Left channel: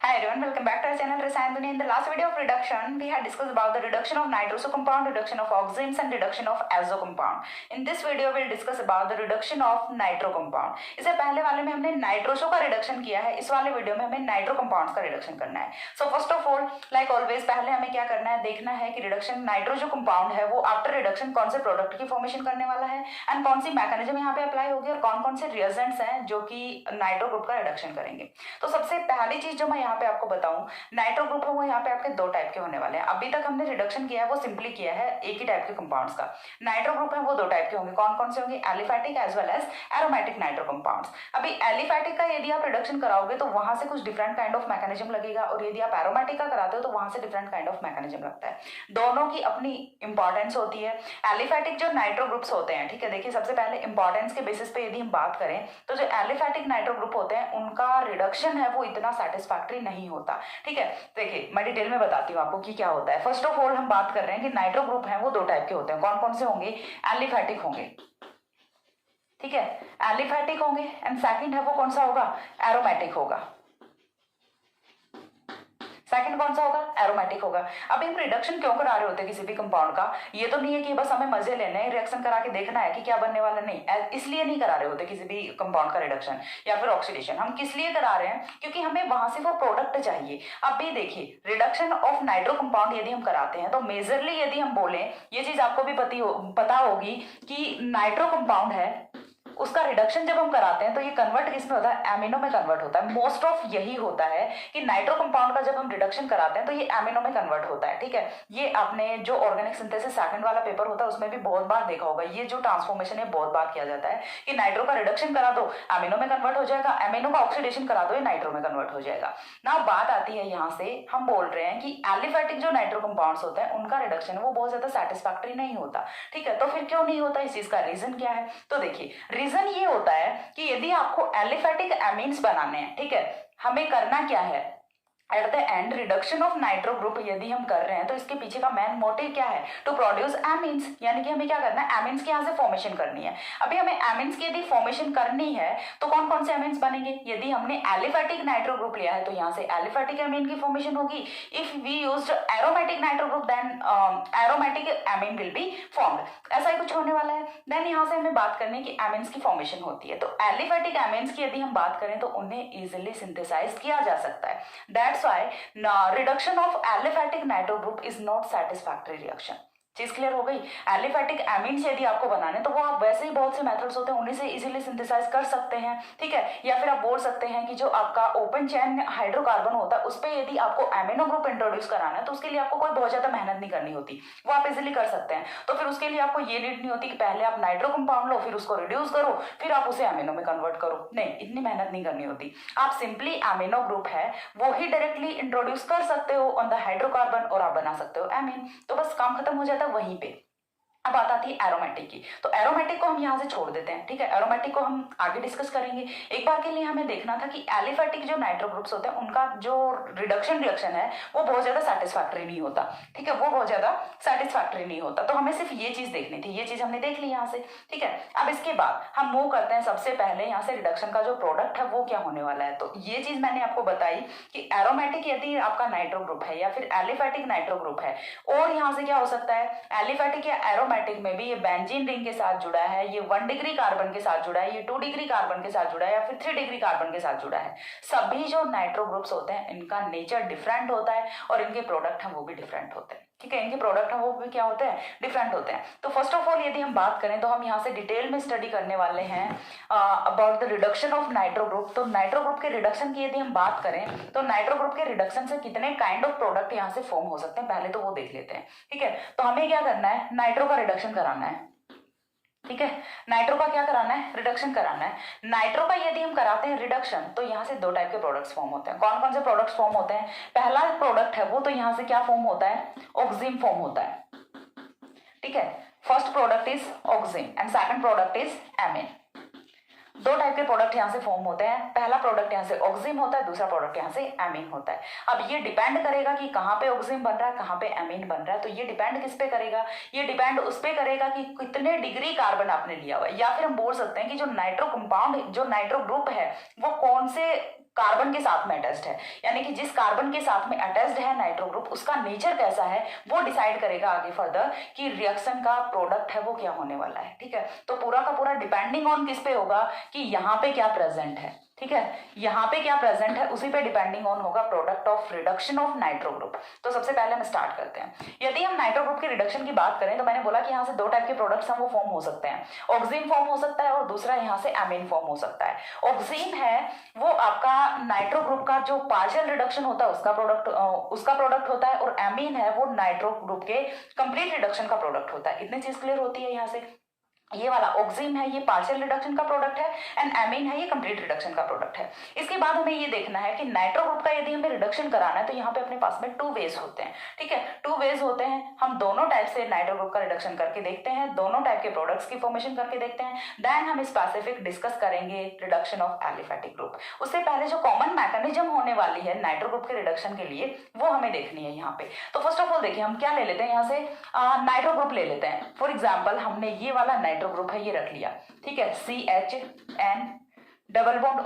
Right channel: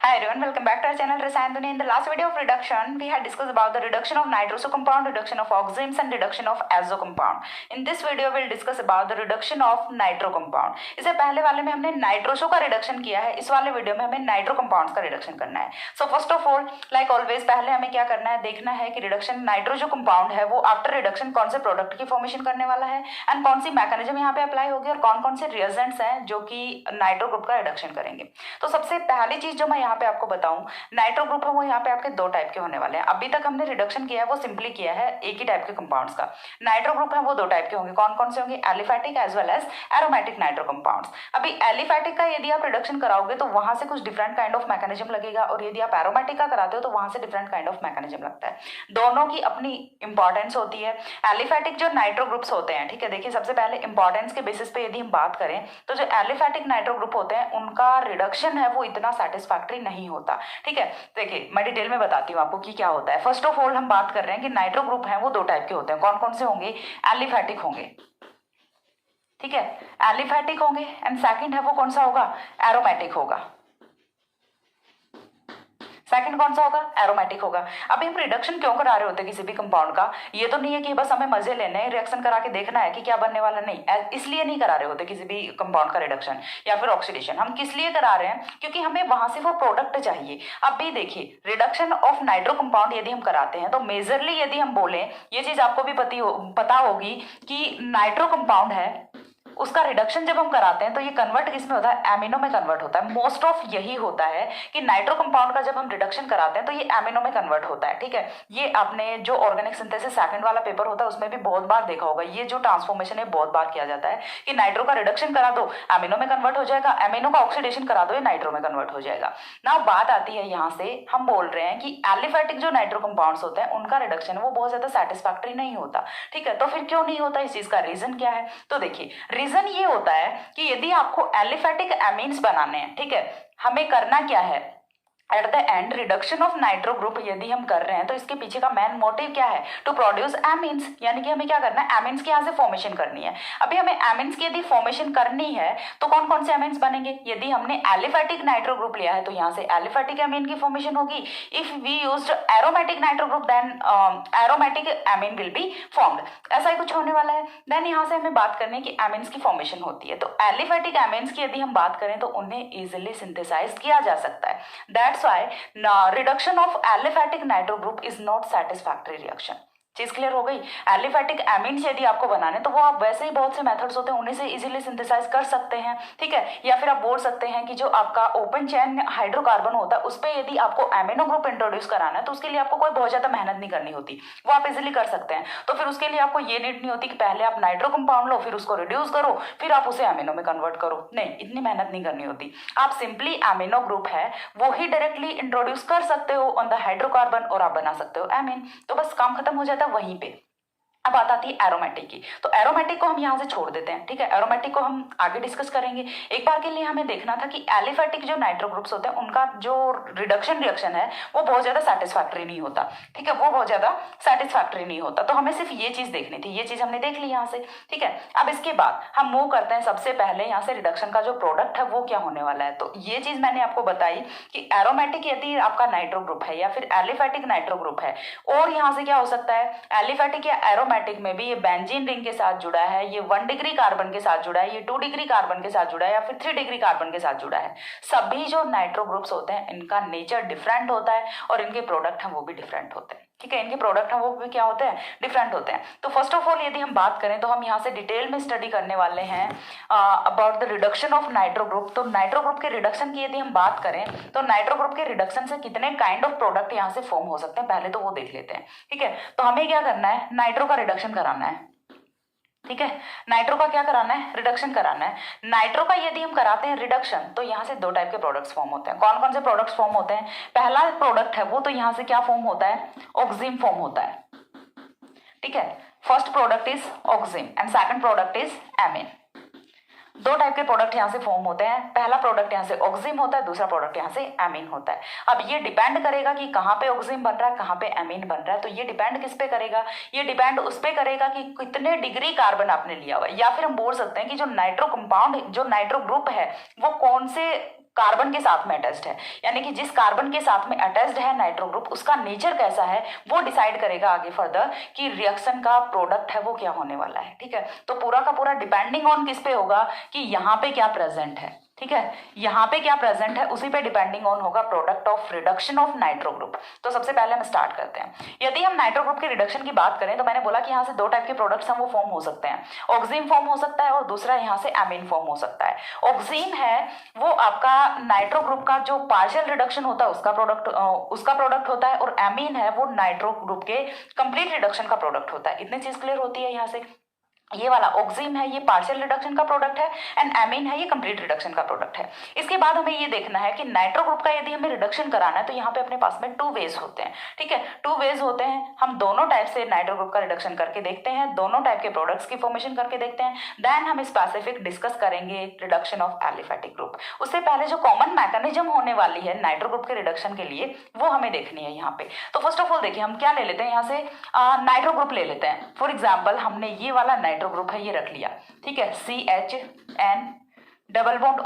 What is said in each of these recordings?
Hi everyone, welcome back to our channel Rasayanduni. In the last video of reduction, we had discussed about the reduction of nitroso compound, reduction of oximes and reduction of azo compound. In this video, we'll discuss about the reduction of nitro compound. इससे पहले वाले में हमने nitroso का reduction किया है, इस वाले वीडियो में हमें नाइट्रो कंपाउंड्स का रिडक्शन करना है. So first of all, like always, पहले हमें क्या करना है, देखना है कि रिडक्शन नाइट्रो जो कंपाउंड है वो आफ्टर रिडक्शन कौन से प्रोडक्ट की फॉर्मेशन करने वाला है एंड कौन सी मैकेनिज्म यहाँ पे अप्लाई होगी और कौन कौन से रिएजेंट्स हैं जो कि नाइट्रो ग्रुप का रिडक्शन करेंगे. तो सबसे पहली चीज जो मैं यहाँ पे आपको बताऊं, नाइट्रो ग्रुप है वो यहाँ पे आपके दो टाइप के होने वाले हैं. अभी तक हमने रिडक्शन किया है वो सिंपली किया है एक ही टाइप के कंपाउंड्स का. नाइट्रो ग्रुप है वो दो टाइप के होंगे. कौन कौन से होंगे? Aliphatic as well as aromatic nitro compounds. अभी एलिफैटिक का यदि आप रिडक्शन कराओगे तो वहां से कुछ डिफरेंट काइंड ऑफ मैकेनिज्म लगेगा और यदि आप एरोमेटिक का कराते हो तो वहां से डिफरेंट काइंड ऑफ मैकेनिज्म लगता है. दोनों की अपनी इंपॉर्टेंस होती है. एलिफैटिक जो नाइट्रो ग्रुप्स होते हैं, ठीक है, देखिए सबसे पहले इंपॉर्टेंस के बेसिस पे यदि हम बात करें तो जो एलिफैटिक नाइट्रो ग्रुप होते हैं उनका रिडक्शन है वो इतना सेटिस्फैक्टरी नहीं होता. ठीक है, देखिए मैं डिटेल में बताती हूँ आपको कि क्या होता है. फर्स्ट ऑफ ऑल हम बात कर रहे हैं कि नाइट्रो ग्रुप हैं वो दो टाइप के होते हैं. कौन कौन से होंगे? एलिफैटिक होंगे, ठीक है, एलिफैटिक होंगे एंड सेकंड है वो कौन सा होगा? एरोमेटिक होगा. सेकंड कौन सा होगा? एरोमेटिक होगा. अभी हम रिडक्शन क्यों करा रहे होते हैं किसी भी कंपाउंड का? ये तो नहीं है कि बस हमें मजे लेने हैं, रिएक्शन करा के देखना है कि क्या बनने वाला, नहीं. इसलिए नहीं करा रहे होते किसी भी कंपाउंड का रिडक्शन या फिर ऑक्सीडेशन. हम किस लिए करा रहे हैं? क्योंकि हमें वहां से वो प्रोडक्ट चाहिए. अभी देखिए, रिडक्शन ऑफ नाइट्रो कंपाउंड यदि हम कराते हैं तो मेजरली यदि हम बोले, ये चीज आपको भी पता होगी कि नाइट्रो कंपाउंड है उसका रिडक्शन जब हम कराते हैं तो ये कन्वर्ट किस में होता है? एमिनो में कन्वर्ट होता है. मोस्ट ऑफ यही होता है कि नाइट्रो कंपाउंड का जब हम रिडक्शन कराते हैं तो ये एमिनो में कन्वर्ट होता है. ठीक है, ये आपने जो ऑर्गेनिक सिंथेसिस सेकंड वाला पेपर होता है उसमें भी बहुत बार देखा होगा. ये जो ट्रांसफॉर्मेशन है बहुत बार किया जाता है कि नाइट्रो का रिडक्शन करा दो एमिनो में कन्वर्ट हो जाएगा, एमिनो का ऑक्सीडेशन करा दो ये नाइट्रो में कन्वर्ट हो जाएगा. ना बात आती है यहाँ से, हम बोल रहे हैं कि एलिफैटिक जो नाइट्रो कंपाउंड्स होते हैं उनका रिडक्शन वो बहुत ज्यादा सेटिस्फैक्टरी नहीं होता. ठीक है, तो फिर क्यों नहीं होता? इस चीज का रीजन क्या है? तो देखिए, रीजन ये होता है कि यदि आपको एलिफैटिक एमीन्स बनाने हैं, ठीक है, हमें करना क्या है? At the end reduction of nitro group यदि हम कर रहे हैं तो इसके पीछे का मेन मोटिव क्या है? To produce amines. यानी कि हमें क्या करना है? एमीन्स की यहाँ से फॉर्मेशन करनी है. अभी हमें एमीन्स की यदि फॉर्मेशन करनी है तो कौन कौन से एमीन्स बनेंगे? यदि हमने एलिफैटिक नाइट्रो ग्रुप लिया है तो यहाँ से एलिफैटिक एमीन की फॉर्मेशन होगी. If we used aromatic nitro group then aromatic amine will be formed. ऐसा ही कुछ होने वाला है. देन यहाँ से हमें बात करनी है कि एमीन्स की फॉर्मेशन होती है तो एलिफैटिक एमीन्स की यदि हम बात करें तो उन्हें इजिली सिंथेसाइज किया जा सकता है. That's why reduction of aliphatic nitro group is not satisfactory reaction. चीज क्लियर हो गई? एलिफैटिक एमीन्स यदि आपको बनाने तो वो आप वैसे ही बहुत से मेथड्स होते हैं उन्हीं से इजीली सिंथेसाइज कर सकते हैं. ठीक है, या फिर आप बोल सकते हैं कि जो आपका ओपन चेन हाइड्रोकार्बन होता है उस पर यदि आपको एमिनो ग्रुप इंट्रोड्यूस कराना है तो उसके लिए आपको कोई बहुत ज्यादा मेहनत नहीं करनी होती, वो आप इजिली कर सकते हैं. तो फिर उसके लिए आपको ये नीड नहीं होती कि पहले आप नाइट्रो कंपाउंड लो फिर उसको रिड्यूस करो फिर आप उसे एमिनो में कन्वर्ट करो. नहीं, इतनी मेहनत नहीं करनी होती. आप सिंपली एमिनो ग्रुप है वो ही डायरेक्टली इंट्रोड्यूस कर सकते हो ऑन द हाइड्रोकार्बन और आप बना सकते हो एमीन. तो बस काम खत्म हो जाता है वहीं पे. अब बात आती है एरोमेटिक की. तो एरोमेटिक को हम यहाँ से छोड़ देते हैं. ठीक है, एरोमेटिक को हम आगे डिस्कस करेंगे. एक बार के लिए हमें देखना था कि एलिफैटिक जो नाइट्रो ग्रुप्स होते हैं उनका जो रिडक्शन रिएक्शन है वो बहुत ज्यादा सेटिस्फैक्टरी नहीं होता. ठीक है, वो बहुत ज्यादा सेटिस्फैक्टरी नहीं होता. तो हमें सिर्फ ये चीज देखनी थी. ये चीज हमने देख ली यहाँ से. ठीक है, अब इसके बाद हम मूव करते हैं. सबसे पहले यहाँ से रिडक्शन का जो प्रोडक्ट है वो क्या होने वाला है. तो ये चीज मैंने आपको बताई कि एरोमेटिक यदि आपका नाइट्रो ग्रुप है या फिर एलिफैटिक नाइट्रो ग्रुप है और यहाँ से क्या हो सकता है? एलिफैटिक या एरोमेटिक में भी ये बेंजीन रिंग के साथ जुड़ा है, ये 1 डिग्री कार्बन के साथ जुड़ा है, ये 2 डिग्री कार्बन के साथ जुड़ा है या फिर 3 डिग्री कार्बन के साथ जुड़ा है. सभी जो नाइट्रो ग्रुप्स होते हैं इनका नेचर डिफरेंट होता है और इनके प्रोडक्ट हैं वो भी डिफरेंट होते हैं. ठीक है, इनके प्रोडक्ट हैं वो भी क्या होते हैं? डिफरेंट होते हैं. तो फर्स्ट ऑफ ऑल यदि हम बात करें तो हम यहाँ से डिटेल में स्टडी करने वाले हैं about the reduction of nitro group. तो नाइट्रो ग्रुप के रिडक्शन की यदि हम बात करें तो नाइट्रो ग्रुप के रिडक्शन से कितने काइंड ऑफ प्रोडक्ट यहाँ से फॉर्म हो सकते हैं पहले तो वो देख लेते हैं. ठीक है, तो हमें क्या करना है? नाइट्रो का रिडक्शन कराना है. ठीक है, नाइट्रो का क्या कराना है? रिडक्शन कराना है. नाइट्रो का यदि हम कराते हैं रिडक्शन तो यहाँ से दो टाइप के प्रोडक्ट्स फॉर्म होते हैं. कौन कौन से प्रोडक्ट्स फॉर्म होते हैं? पहला प्रोडक्ट है वो तो यहाँ से क्या फॉर्म होता है? ऑक्सीम फॉर्म होता है. ठीक है, first product is oxime and second product is amine. दो टाइप के प्रोडक्ट यहाँ से फॉर्म होते हैं. पहला प्रोडक्ट यहाँ से ऑक्सीम होता है, दूसरा प्रोडक्ट यहाँ से एमीन होता है. अब ये डिपेंड करेगा कि कहाँ पे ऑक्सीम बन रहा है कहाँ पे एमीन बन रहा है. तो ये डिपेंड किस पे करेगा? ये डिपेंड उस पे करेगा कि कितने डिग्री कार्बन आपने लिया हुआ है. या फिर हम बोल सकते हैं कि जो नाइट्रो कंपाउंड जो नाइट्रो ग्रुप है वो कौन से कार्बन के साथ में अटैच्ड है, यानी कि जिस कार्बन के साथ में अटैच्ड है नाइट्रो ग्रुप उसका नेचर कैसा है वो डिसाइड करेगा आगे फर्दर कि रिएक्शन का प्रोडक्ट है वो क्या होने वाला है। ठीक है, तो पूरा का पूरा डिपेंडिंग ऑन किस पे होगा कि यहाँ पे क्या प्रेजेंट है। ठीक है, यहाँ पे क्या प्रेजेंट है उसी पे डिपेंडिंग ऑन होगा product of reduction of nitro group. तो सबसे पहले हम स्टार्ट करते हैं। यदि हम नाइट्रो ग्रुप के रिडक्शन की बात करें तो मैंने बोला कि यहाँ से दो टाइप के प्रोडक्ट्स हैं वो फॉर्म हो सकते हैं, ऑक्सीन फॉर्म हो सकता है और दूसरा यहाँ से एमीन फॉर्म हो सकता है। ऑक्सीन है वो आपका नाइट्रो ग्रुप का जो पार्शियल रिडक्शन होता है उसका प्रोडक्ट होता है, और एमीन है वो नाइट्रो ग्रुप के कंप्लीट रिडक्शन का प्रोडक्ट होता है। इतनी चीज क्लियर होती है यहाँ से। ये वाला ऑक्सीन है ये पार्शियल रिडक्शन का प्रोडक्ट है एंड एमीन है ये कंप्लीट रिडक्शन का प्रोडक्ट है। इसके बाद हमें ये देखना है कि नाइट्रो ग्रुप का यदि हमें रिडक्शन कराना है तो यहाँ पे अपने पास में टू वेज होते हैं। ठीक है, टू वेज होते हैं, हम दोनों टाइप से नाइट्रो ग्रुप का रिडक्शन करके देखते हैं, दोनों टाइप के प्रोडक्ट्स की फॉर्मेशन करके देखते हैं, देन हम स्पेसिफिक डिस्कस करेंगे रिडक्शन ऑफ एलिफेटिक ग्रुप। उससे पहले जो कॉमन मैकेनिज्म होने वाली है नाइट्रो ग्रुप के रिडक्शन के लिए वो हमें देखनी है यहाँ पे। तो फर्स्ट ऑफ ऑल देखिए हम क्या ले लेते हैं, यहाँ से नाइट्रो ग्रुप ले लेते हैं। फॉर एग्जाम्पल हमने ये वाला नाइट्रो ग्रुप है ये रख लिया। ठीक है, CHN double bond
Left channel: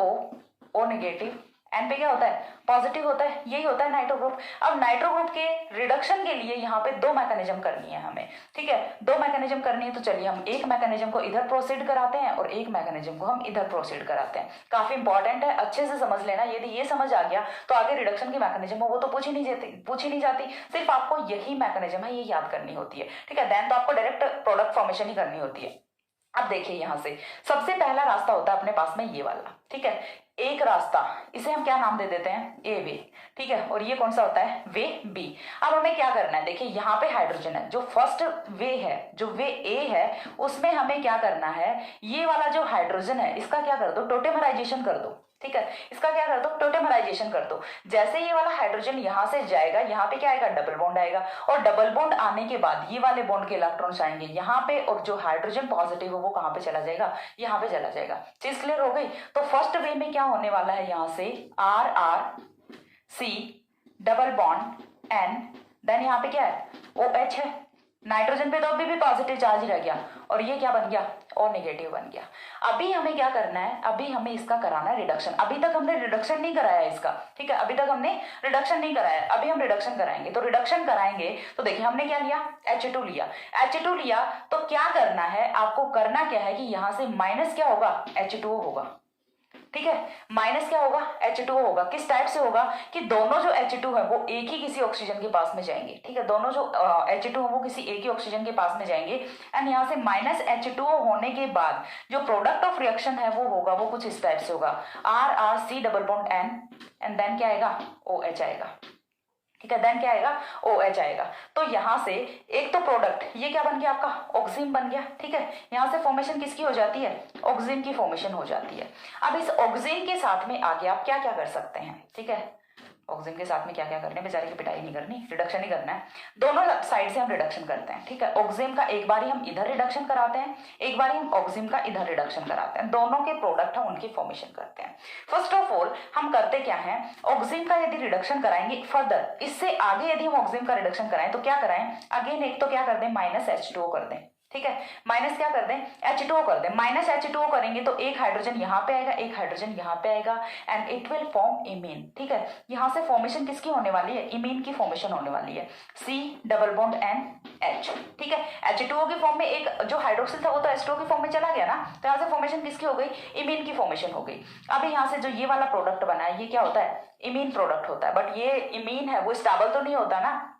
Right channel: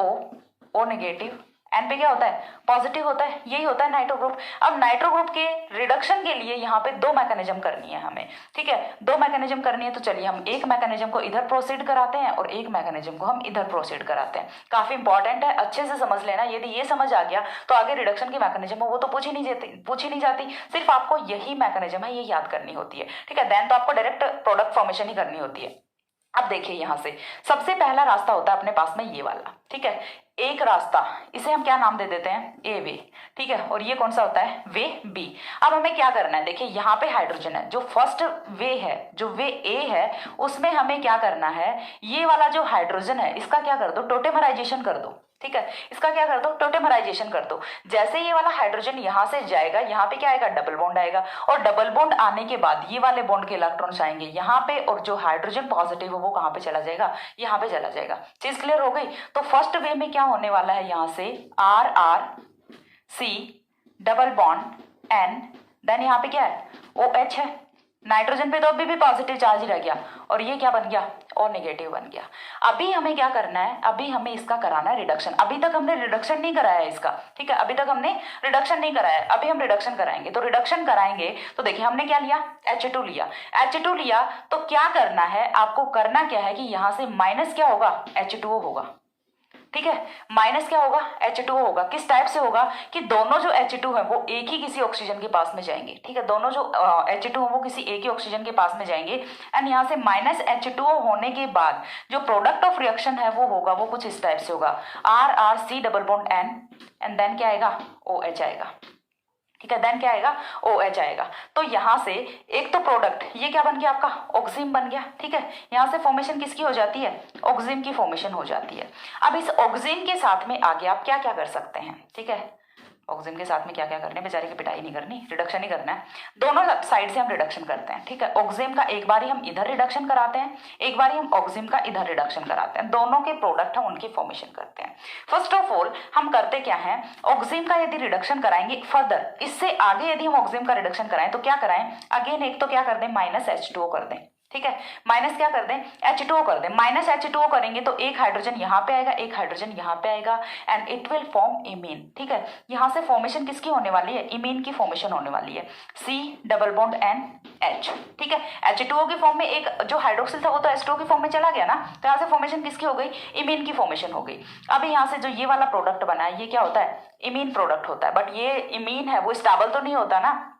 O negative, N पे क्या होता है पॉजिटिव होता है, यही होता है नाइट्रो ग्रुप। अब नाइट्रो ग्रुप के रिडक्शन के लिए यहाँ पे दो मैकेनिज्म करनी है हमें। ठीक है, दो मैकेनिज्म करनी है तो चलिए हम एक मैकेनिज्म को इधर प्रोसीड कराते हैं और एक मैकेनिज्म को हम इधर प्रोसीड कराते हैं। काफी इंपॉर्टेंट है, अच्छे से समझ लेना। यदि ये समझ आ गया तो आगे रिडक्शन की मैकेनिज्म हो वो तो पूछ ही नहीं जाती, सिर्फ आपको यही मैकेनिज्म है ये याद करनी होती है। ठीक है, देन तो आपको डायरेक्ट प्रोडक्ट फॉर्मेशन ही करनी होती है। अब देखिए यहाँ से सबसे पहला रास्ता होता है अपने पास में ये वाला। ठीक है, एक रास्ता इसे हम क्या नाम दे देते हैं ए वे। ठीक है, और ये कौन सा होता है वे बी। अब हमें क्या करना है, देखिए यहाँ पे हाइड्रोजन है, जो फर्स्ट वे है जो वे ए है उसमें हमें क्या करना है, ये वाला जो हाइड्रोजन है इसका क्या कर दो टोटेमराइजेशन कर दो। ठीक है, इसका क्या कर दो टोटेमराइजेशन कर दो। जैसे ये वाला हाइड्रोजन यहां से जाएगा यहाँ पे क्या आएगा डबल बॉन्ड आएगा, और डबल बॉन्ड आने के बाद ये वाले बॉन्ड के इलेक्ट्रॉन्स आएंगे यहाँ पे, और जो हाइड्रोजन पॉजिटिव हो वो कहाँ पे चला जाएगा यहाँ पे चला जाएगा। चीज क्लियर हो गई। तो फर्स्ट वे में क्या होने वाला है, यहाँ से RR C double bond N, then यहाँ पे क्या है OH है, नाइट्रोजन पे तो अभी भी पॉजिटिव चार्ज रह गया, और ये क्या बन गया और नेगेटिव बन गया। अभी हमें क्या करना है, अभी हमें इसका कराना है रिडक्शन। अभी तक हमने रिडक्शन नहीं कराया है इसका। ठीक है, अभी तक हमने रिडक्शन नहीं कराया है, अभी हम रिडक्शन कराएंगे। तो रिडक्शन कराएंगे तो देखिए हमने क्या लिया H2 लिया। H2 लिया तो क्या करना है आपको, करना क्या है कि यहाँ से माइनस क्या होगा H2O होगा। ठीक है, माइनस क्या होगा H2O होगा। किस टाइप से होगा कि दोनों जो H2 है वो एक ही किसी ऑक्सीजन के पास में जाएंगे। ठीक है, दोनों जो H2 है वो किसी एक ही ऑक्सीजन के पास में जाएंगे, एंड यहाँ से माइनस H2O होने के बाद जो प्रोडक्ट ऑफ रिएक्शन है वो होगा, वो कुछ इस टाइप से होगा RR C double bond N, and then क्या आएगा OH आएगा। ठीक है, देन क्या आएगा OH आएगा। तो यहाँ से एक तो प्रोडक्ट ये क्या बन गया आपका ऑक्सीन बन गया। ठीक है, यहाँ से फॉर्मेशन किसकी हो जाती है ऑक्सीन की फॉर्मेशन हो जाती है। अब इस ऑक्सीन के साथ में आगे आप क्या क्या कर सकते हैं। ठीक है, ऑक्सीजन के साथ में क्या क्या करने, बेचारे की पिटाई नहीं करनी, रिडक्शन ही करना है। दोनों साइड से हम रिडक्शन करते हैं। ठीक है, ऑक्सीजन का एक बार ही हम इधर रिडक्शन कराते हैं, एक बार ही हम ऑक्सीजन का इधर रिडक्शन कराते हैं, दोनों के प्रोडक्ट हम उनकी फॉर्मेशन करते हैं। फर्स्ट ऑफ ऑल हम करते क्या है, ऑक्सीजन का यदि रिडक्शन कराएंगे फर्दर, इससे आगे यदि हम ऑक्सीजन का रिडक्शन कराएं तो क्या कराएं, अगेन एक तो क्या कर दें माइनस H2O कर दें। ठीक है, माइनस क्या कर दें H2O कर दें। माइनस H2O करेंगे तो एक हाइड्रोजन यहाँ पे आएगा, एक हाइड्रोजन यहाँ पे आएगा, and it will form imine. ठीक है, यहाँ से फॉर्मेशन किसकी होने वाली है, इमीन की फॉर्मेशन होने वाली है, C double bond N H। ठीक है, H2O की फॉर्म में एक जो हाइड्रोक्सिल था वो तो H2O की फॉर्म में चला गया ना, तो यहाँ से फॉर्मेशन किसकी हो गई, इमीन की फॉर्मेशन हो गई। अब यहाँ से जो ये वाला प्रोडक्ट बना है ये क्या होता है, इमीन प्रोडक्ट होता है, बट ये इमीन है वो स्टेबल तो नहीं होता ना,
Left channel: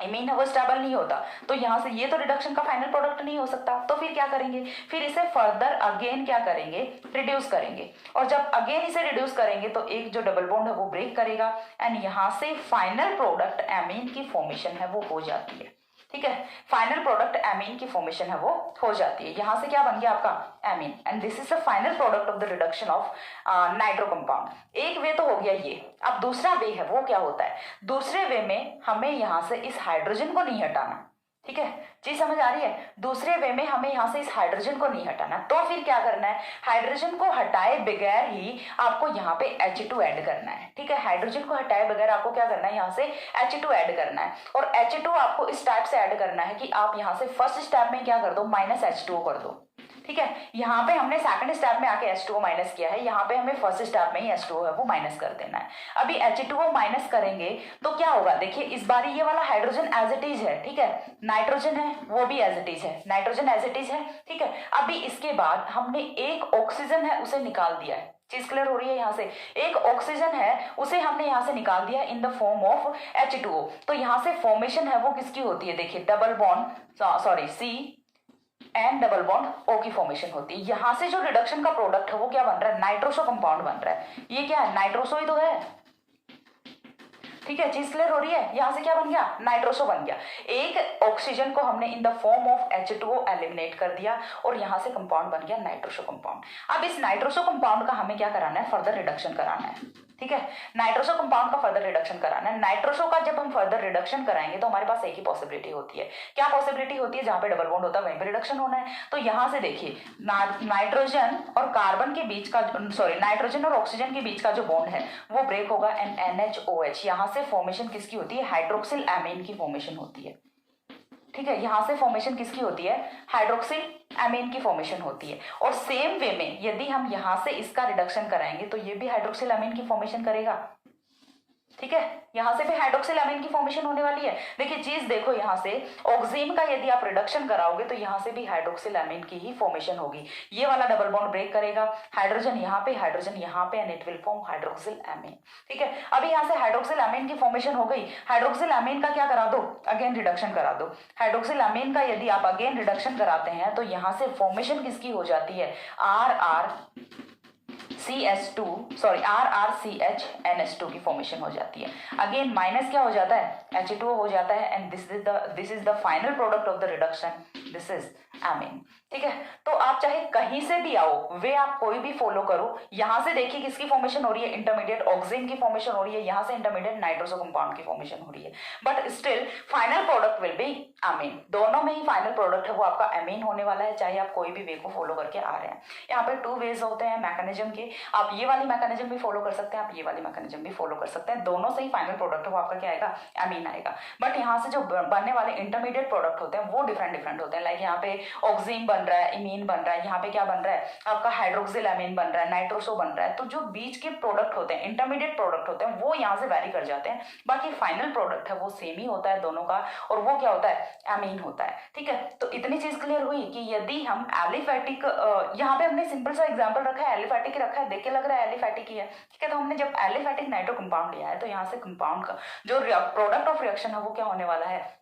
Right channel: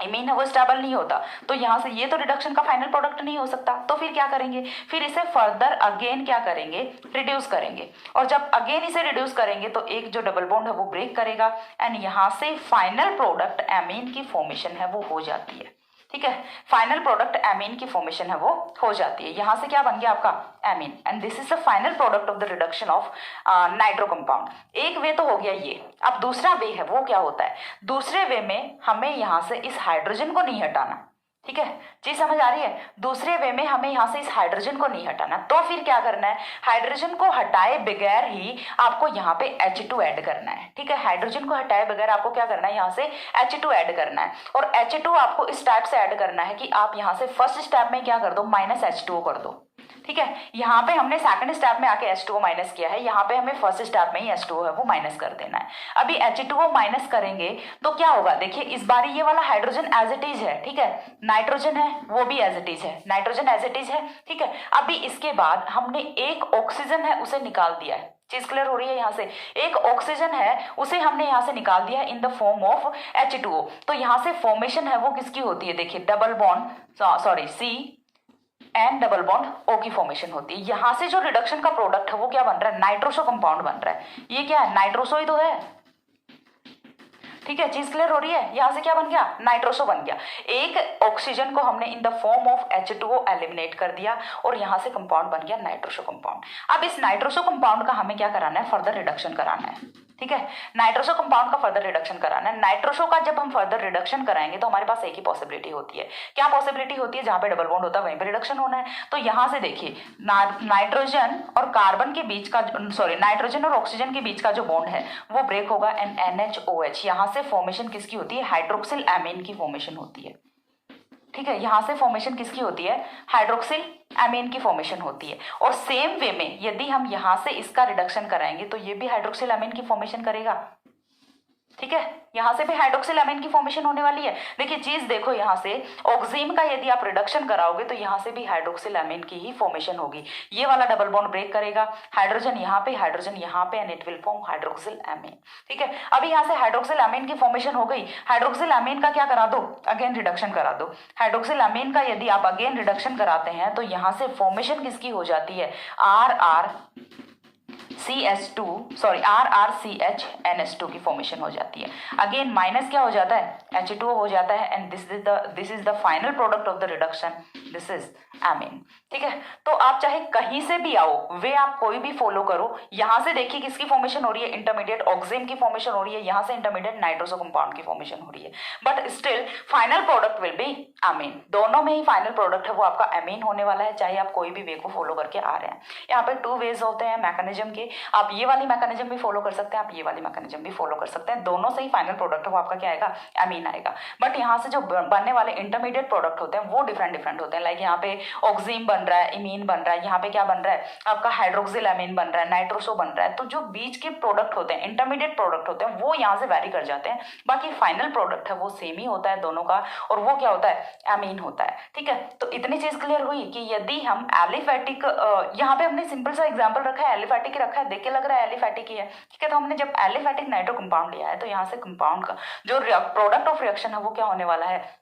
इमीन है वो स्टेबल नहीं होता, तो यहाँ से ये तो रिडक्शन का फाइनल प्रोडक्ट नहीं हो सकता। तो फिर क्या करेंगे, फिर इसे फर्दर अगेन क्या करेंगे रिड्यूस करेंगे, और जब अगेन इसे रिड्यूस करेंगे तो एक जो डबल बॉन्ड है वो ब्रेक करेगा, एंड यहाँ से फाइनल प्रोडक्ट एमीन की फॉर्मेशन है वो हो जाती है। ठीक है, फाइनल प्रोडक्ट एमीन की फॉर्मेशन है वो हो जाती है। यहां से क्या बन गया आपका amine, and this is the final product of the reduction of nitro compound. एक वे तो हो गया ये। अब दूसरा वे है वो क्या होता है, दूसरे वे में हमें यहां से इस हाइड्रोजन को नहीं हटाना। ठीक है, चीज समझ आ रही है, दूसरे वे में हमें यहां से इस हाइड्रोजन को नहीं हटाना, तो फिर क्या करना है, हाइड्रोजन को हटाए बगैर ही आपको यहाँ पे H2 ऐड करना है। ठीक है, हाइड्रोजन को हटाए बगैर आपको क्या करना है, यहाँ से H2 ऐड करना है, और H2 आपको इस टाइप से ऐड करना है कि आप यहाँ से फर्स्ट स्टेप में क्या कर दो माइनस H2O कर दो। ठीक है, यहाँ पे हमने सेकंड स्टेप में आके H2O माइनस किया है, यहाँ पे हमें फर्स्ट स्टेप में ही H2O है वो माइनस कर देना है। अभी H2O माइनस करेंगे तो क्या होगा, देखिए इस बार ये वाला हाइड्रोजन एज इट इज है, ठीक है, नाइट्रोजन है वो भी एज इट इज है, नाइट्रोजन एज इट इज है, ठीक है। अभी इसके बाद हमने एक ऑक्सीजन है उसे निकाल दिया है, चीज क्लियर हो रही है, यहाँ से एक ऑक्सीजन है उसे हमने यहाँ से निकाल दिया in the form of H2O। तो यहाँ से फॉर्मेशन है वो किसकी होती है, देखिए double bond sorry C and double bond O की फॉर्मेशन होती है। यहां से जो रिडक्शन का प्रोडक्ट है वो क्या बन रहा है, नाइट्रोसो कंपाउंड बन रहा है। ये क्या है, नाइट्रोसो ही तो है, ठीक है, चीज क्लियर हो रही है। यहां से क्या बन गया, नाइट्रोसो बन गया। एक ऑक्सीजन को हमने in the form of H2O eliminate कर दिया और यहां से कंपाउंड बन गया नाइट्रोसो कंपाउंड। अब इस नाइट्रोसो कंपाउंड का हमें क्या कराना है, फर्दर रिडक्शन कराना है, ठीक है, नाइट्रोसो कंपाउंड का फर्दर रिडक्शन कराना है। नाइट्रोसो का जब हम फर्दर रिडक्शन कराएंगे तो हमारे पास एक ही पॉसिबिलिटी होती है, क्या पॉसिबिलिटी होती है, जहां पे डबल बॉन्ड होता है वहीं पे रिडक्शन होना है। तो यहां से देखिए नाइट्रोजन और कार्बन के बीच का सॉरी नाइट्रोजन और ऑक्सीजन के बीच का जो बॉन्ड है वो ब्रेक होगा एंड NHOH। यहां से फॉर्मेशन किसकी होती है, हाइड्रोक्सिल एमीन की फॉर्मेशन होती है, ठीक है, यहां से फॉर्मेशन किसकी होती है, हाइड्रोक्सिल एमीन की फॉर्मेशन होती है। और सेम वे में यदि हम यहां से इसका रिडक्शन कराएंगे तो ये भी हाइड्रोक्सिल एमीन की फॉर्मेशन करेगा, ठीक है, यहां से भी हाइड्रोक्सिल एमीन की फॉर्मेशन होने वाली है। देखिए चीज देखो, यहां से ऑक्सीन का यदि आप रिडक्शन कराओगे तो यहां से भी हाइड्रोक्सिल एमीन की ही फॉर्मेशन होगी। ये वाला डबल बॉन्ड ब्रेक करेगा, हाइड्रोजन यहाँ पे and it will form hydroxyl amine, ठीक है। अभी यहां से हाइड्रोक्सिल एमीन की फॉर्मेशन हो गई, हाइड्रोक्सिल एमीन का क्या करा दो, अगेन रिडक्शन करा दो। हाइड्रोक्सिल एमीन का यदि आप अगेन रिडक्शन कराते हैं तो यहां से फॉर्मेशन किसकी हो जाती है, RRCH2 की फॉर्मेशन हो जाती है। अगेन माइनस क्या हो जाता है, H2O हो जाता है and this is the final product of the reduction, this is amine, ठीक है। तो आप चाहे कहीं से भी आओ, वे आप कोई भी फॉलो करो, यहां से देखिए किसकी फॉर्मेशन हो रही है, इंटरमीडिएट ऑक्सीजन की फॉर्मेशन हो रही है, यहां से इंटरमीडिएट नाइट्रोसो कंपाउंड की फॉर्मेशन हो रही है, but still final product will be amine. दोनों में ही फाइनल प्रोडक्ट है वो आपका एमीन होने वाला है, चाहे आप कोई भी वे को फॉलो करके आ रहे हैं। यहाँ पे 2 वेज होते हैं मैकेनिज्म के, आप ये वाली मैकेनिज्म भी फॉलो कर सकते हैं, आप ये वाली मैकेनिज्म भी फॉलो कर सकते हैं, दोनों से ही फाइनल प्रोडक्ट है वो आपका क्या आएगा, एमीन आएगा। बट यहाँ से जो बनने वाले इंटरमीडिएट प्रोडक्ट होते हैं वो डिफरेंट होते हैं। लाइक यहाँ पे ऑक्सीन बन रहा है, इमीन बन रहा है, यहाँ पे क्या बन रहा है आपका हाइड्रोक्सिल एमीन बन रहा है, नाइट्रोसो बन रहा है। तो जो बीच के प्रोडक्ट होते हैं, इंटरमीडिएट प्रोडक्ट होते हैं, वो यहाँ से वैरी कर जाते हैं, बाकी फाइनल प्रोडक्ट है वो सेम ही होता है दोनों का, और वो क्या होता है, एमीन होता है, ठीक है। तो इतनी चीज क्लियर हुई कि यदि हम एलिफैटिक, यहाँ पे हमने सिंपल सा एग्जांपल रखा है, एलिफैटिक ही रखा है, देख के लग रहा है एलिफैटिक ही है, ठीक है। तो हमने जब एलिफैटिक नाइट्रो कंपाउंड लिया है तो यहाँ से कंपाउंड का जो प्रोडक्ट ऑफ रिएक्शन है वो क्या होने वाला है,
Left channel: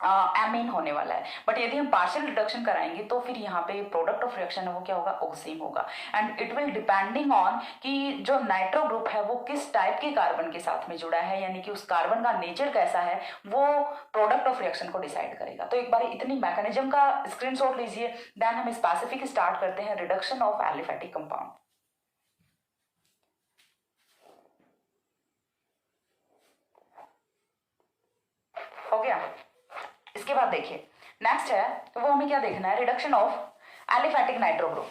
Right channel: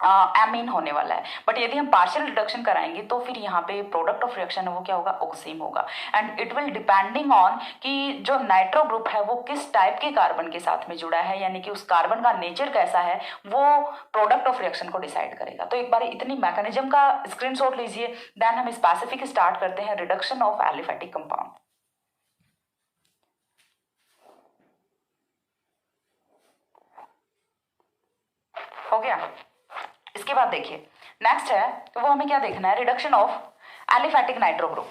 एमीन होने वाला है। बट यदि हम पार्शियल रिडक्शन कराएंगे तो फिर यहाँ पे प्रोडक्ट ऑफ रिएक्शन है वो क्या होगा, ऑक्सीन होगा। And it will depending on कि जो नाइट्रो ग्रुप है वो किस टाइप के कार्बन के साथ में जुड़ा है, यानी कि उस कार्बन का नेचर कैसा है, वो प्रोडक्ट ऑफ रिएक्शन को डिसाइड करेगा। तो एक बार इतनी मैकेनिज्म का स्क्रीनशॉट लीजिए, देन हम स्पेसिफिक स्टार्ट करते हैं रिडक्शन ऑफ एलिफैटिक कंपाउंड। हो गया। इसके बाद देखिए नेक्स्ट है तो वो हमें क्या देखना है, reduction of aliphatic nitro group.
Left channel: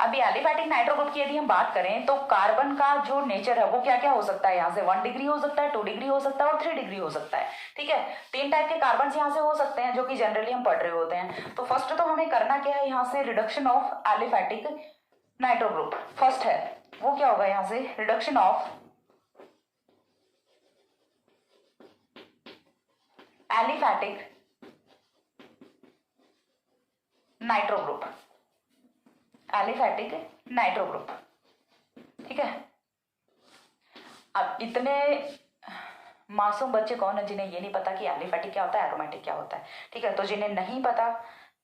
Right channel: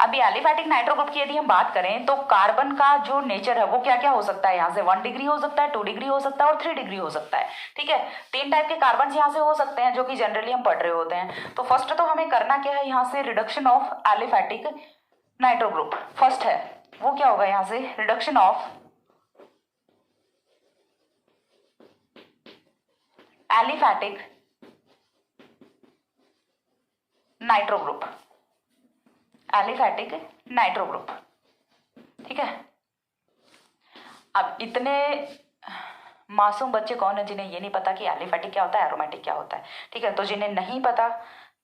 अभी एलिफैटिक नाइट्रो ग्रुप की यदि हम बात करें तो कार्बन का जो नेचर है वो क्या क्या हो सकता है, यहाँ से 1 डिग्री हो सकता है, 2 डिग्री हो सकता है और 3 डिग्री हो सकता है, ठीक है। 3 टाइप के कार्बन यहाँ से हो सकते हैं जो कि जनरली हम पढ़ रहे होते हैं। तो फर्स्ट तो हमें करना क्या है, यहाँ से reduction of aliphatic nitro group first है वो क्या होगा, यहाँ से reduction of aliphatic nitro group, aliphatic nitro group, ठीक है। अब इतने मासूम बच्चे कौन है जिन्हें ये नहीं पता कि एलिफैटिक क्या होता है, एरोमेटिक क्या होता है, ठीक है। तो जिन्हें नहीं पता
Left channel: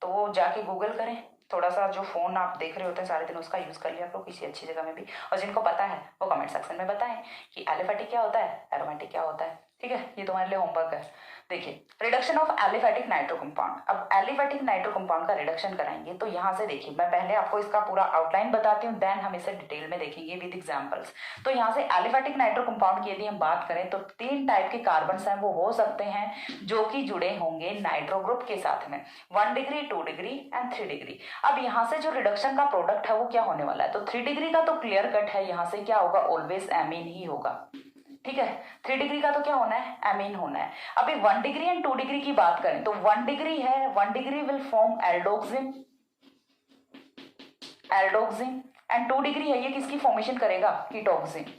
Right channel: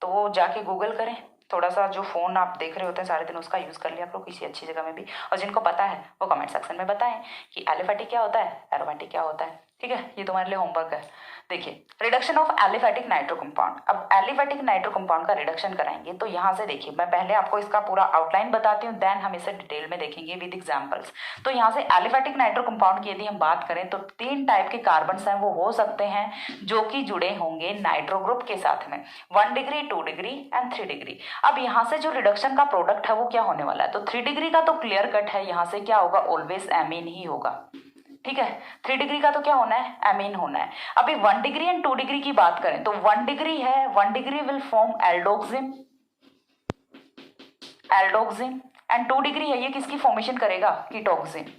तो वो जाके गूगल करें, थोड़ा सा जो फोन आप देख रहे होते हैं सारे दिन उसका यूज कर लिया आप लोग किसी अच्छी जगह में भी, और जिनको पता है वो कमेंट सेक्शन में बताएं कि एलिफैटिक क्या होता है, एरोमेटिक क्या होता है, ठीक है। ये तुम्हारे लिए होमवर्क है। देखिए reduction of aliphatic nitro compound. अब एलिफैटिक नाइट्रो कंपाउंड का रिडक्शन कराएंगे तो यहाँ से देखिए मैं पहले आपको इसका पूरा आउटलाइन बताती हूँ, देन हम इसे डिटेल में देखेंगे विद एग्जांपल्स। तो यहाँ से एलिफैटिक नाइट्रो कंपाउंड की यदि हम बात करें तो 3 टाइप के कार्बन हैं वो हो सकते हैं जो कि जुड़े होंगे नाइट्रो ग्रुप के साथ में, 1 डिग्री, 2 डिग्री एंड 3 डिग्री। अब यहाँ से जो रिडक्शन का प्रोडक्ट है वो क्या होने वाला है, तो 3 डिग्री का तो क्लियर कट है, यहाँ से क्या होगा, ऑलवेज एमीन ही होगा, ठीक है। 3 डिग्री का तो क्या होना है, एमीन होना है। अभी 1 डिग्री एंड 2 डिग्री की बात करें तो 1 डिग्री है, 1 degree will form aldoxime, aldoxime and 2 degree है, ये किसकी फॉर्मेशन करेगा, कीटोक्सिन।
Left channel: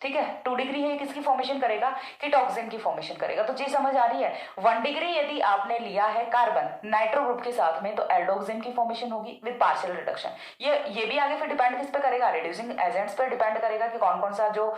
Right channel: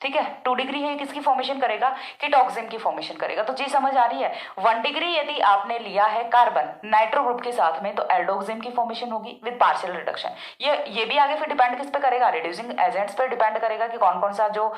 ठीक है, 2 डिग्री है, किसकी फॉर्मेशन करेगा, कीटोक्सिन की फॉर्मेशन करेगा। तो चीज समझ आ रही है। 1 डिग्री यदि आपने लिया है कार्बन नाइट्रो ग्रुप के साथ में तो एल्डोक्सिन की फॉर्मेशन होगी विद पार्शियल रिडक्शन। ये भी आगे फिर डिपेंड किस पे करेगा, रिड्यूसिंग एजेंट्स पे डिपेंड करेगा कि कौन कौन सा जो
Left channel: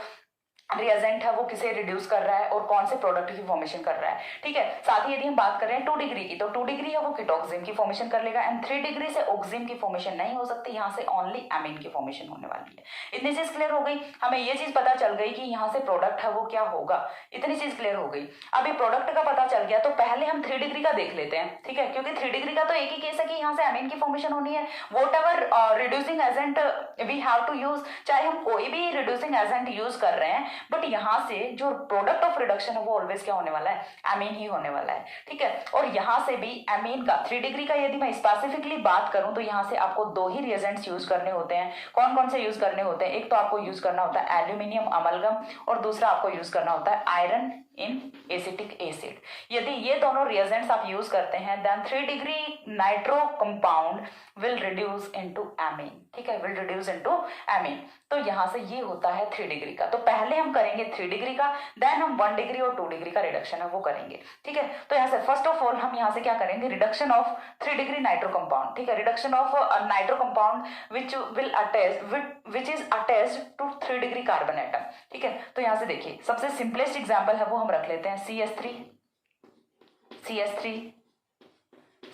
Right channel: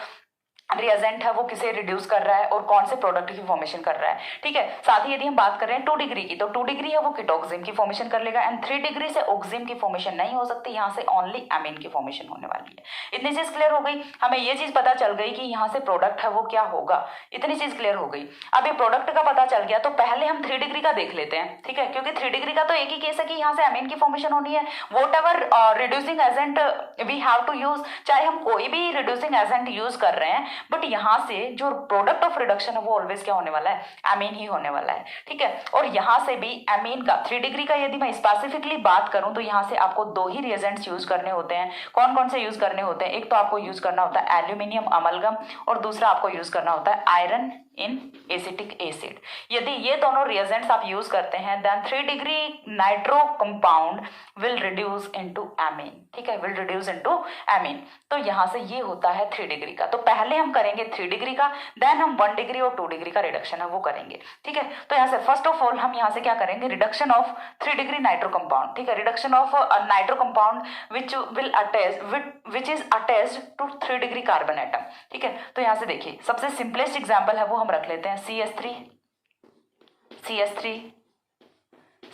रिएजेंट है वो किसे रिड्यूस कर रहा है और कौन से प्रोडक्ट की फॉर्मेशन कर रहा है। ठीक है, साथ ही यदि हम बात कर रहे हैं 2 डिग्री की तो 2 डिग्री है वो कीटोक्सिन की फॉर्मेशन कर लेगा एंड 3 डिग्री से ऑक्सिन की फॉर्मेशन नहीं हो सकती, यहाँ से ओनली एमीन की फॉर्मेशन होने वाली है। इतनी चीज क्लियर हो गई, हमें ये चीज पता चल गई कि यहाँ से प्रोडक्ट है वो क्या होगा, इतनी चीज क्लियर हो गई। अभी प्रोडक्ट का पता चल गया तो पहले हम 3 डिग्री का देख लेते हैं। ठीक है, क्योंकि 3 डिग्री का तो एक ही केस है कि यहाँ से एमीन की फॉर्मेशन होनी है। Whatever reducing agent we have to use, चाहे हम कोई भी रिड्यूसिंग एजेंट यूज कर रहे हैं, बट यहाँ से जो प्रोडक्ट ऑफ रिडक्शन है वो ऑलवेज क्या होने वाला है, एमीन ही होने वाला है। ठीक है, और यहां से भी एमीन का 3 डिग्री का यदि मैं स्पेसिफिकली बात करूं तो यहां से आपको 2 ही रिएजेंट्स यूज करने होते हैं। कौन कौन से यूज करने होते हैं, एक तो आपको यूज करना होता है एल्यूमिनियम अमलगम और दूसरा आपको यूज करना होता है आयरन इन एसिटिक एसिड। यदि ये दोनों रिएजेंट्स आप यूज करते हैं then 3 degree nitro compound will reduce into amine. ठीक है, विल रिड्यूस इनटू एमीन। तो यहां से ये होता है 3 डिग्री का। तो पहले हम करेंगे 3 डिग्री का, देन हम 1 डिग्री और 2 डिग्री का रिडक्शन है वो करेंगे। ठीक है, तो यहाँ से फर्स्ट ऑफ ऑल हम यहाँ से क्या करेंगे, reduction of 3 degree nitro compound. ठीक है, reduction of nitro compound which is attached to 3 degree carbon atom. ठीक है, तो यहाँ से देखिए सबसे सिंपलेस्ट एग्जाम्पल है वो हम रख लेते हैं CH3 CH3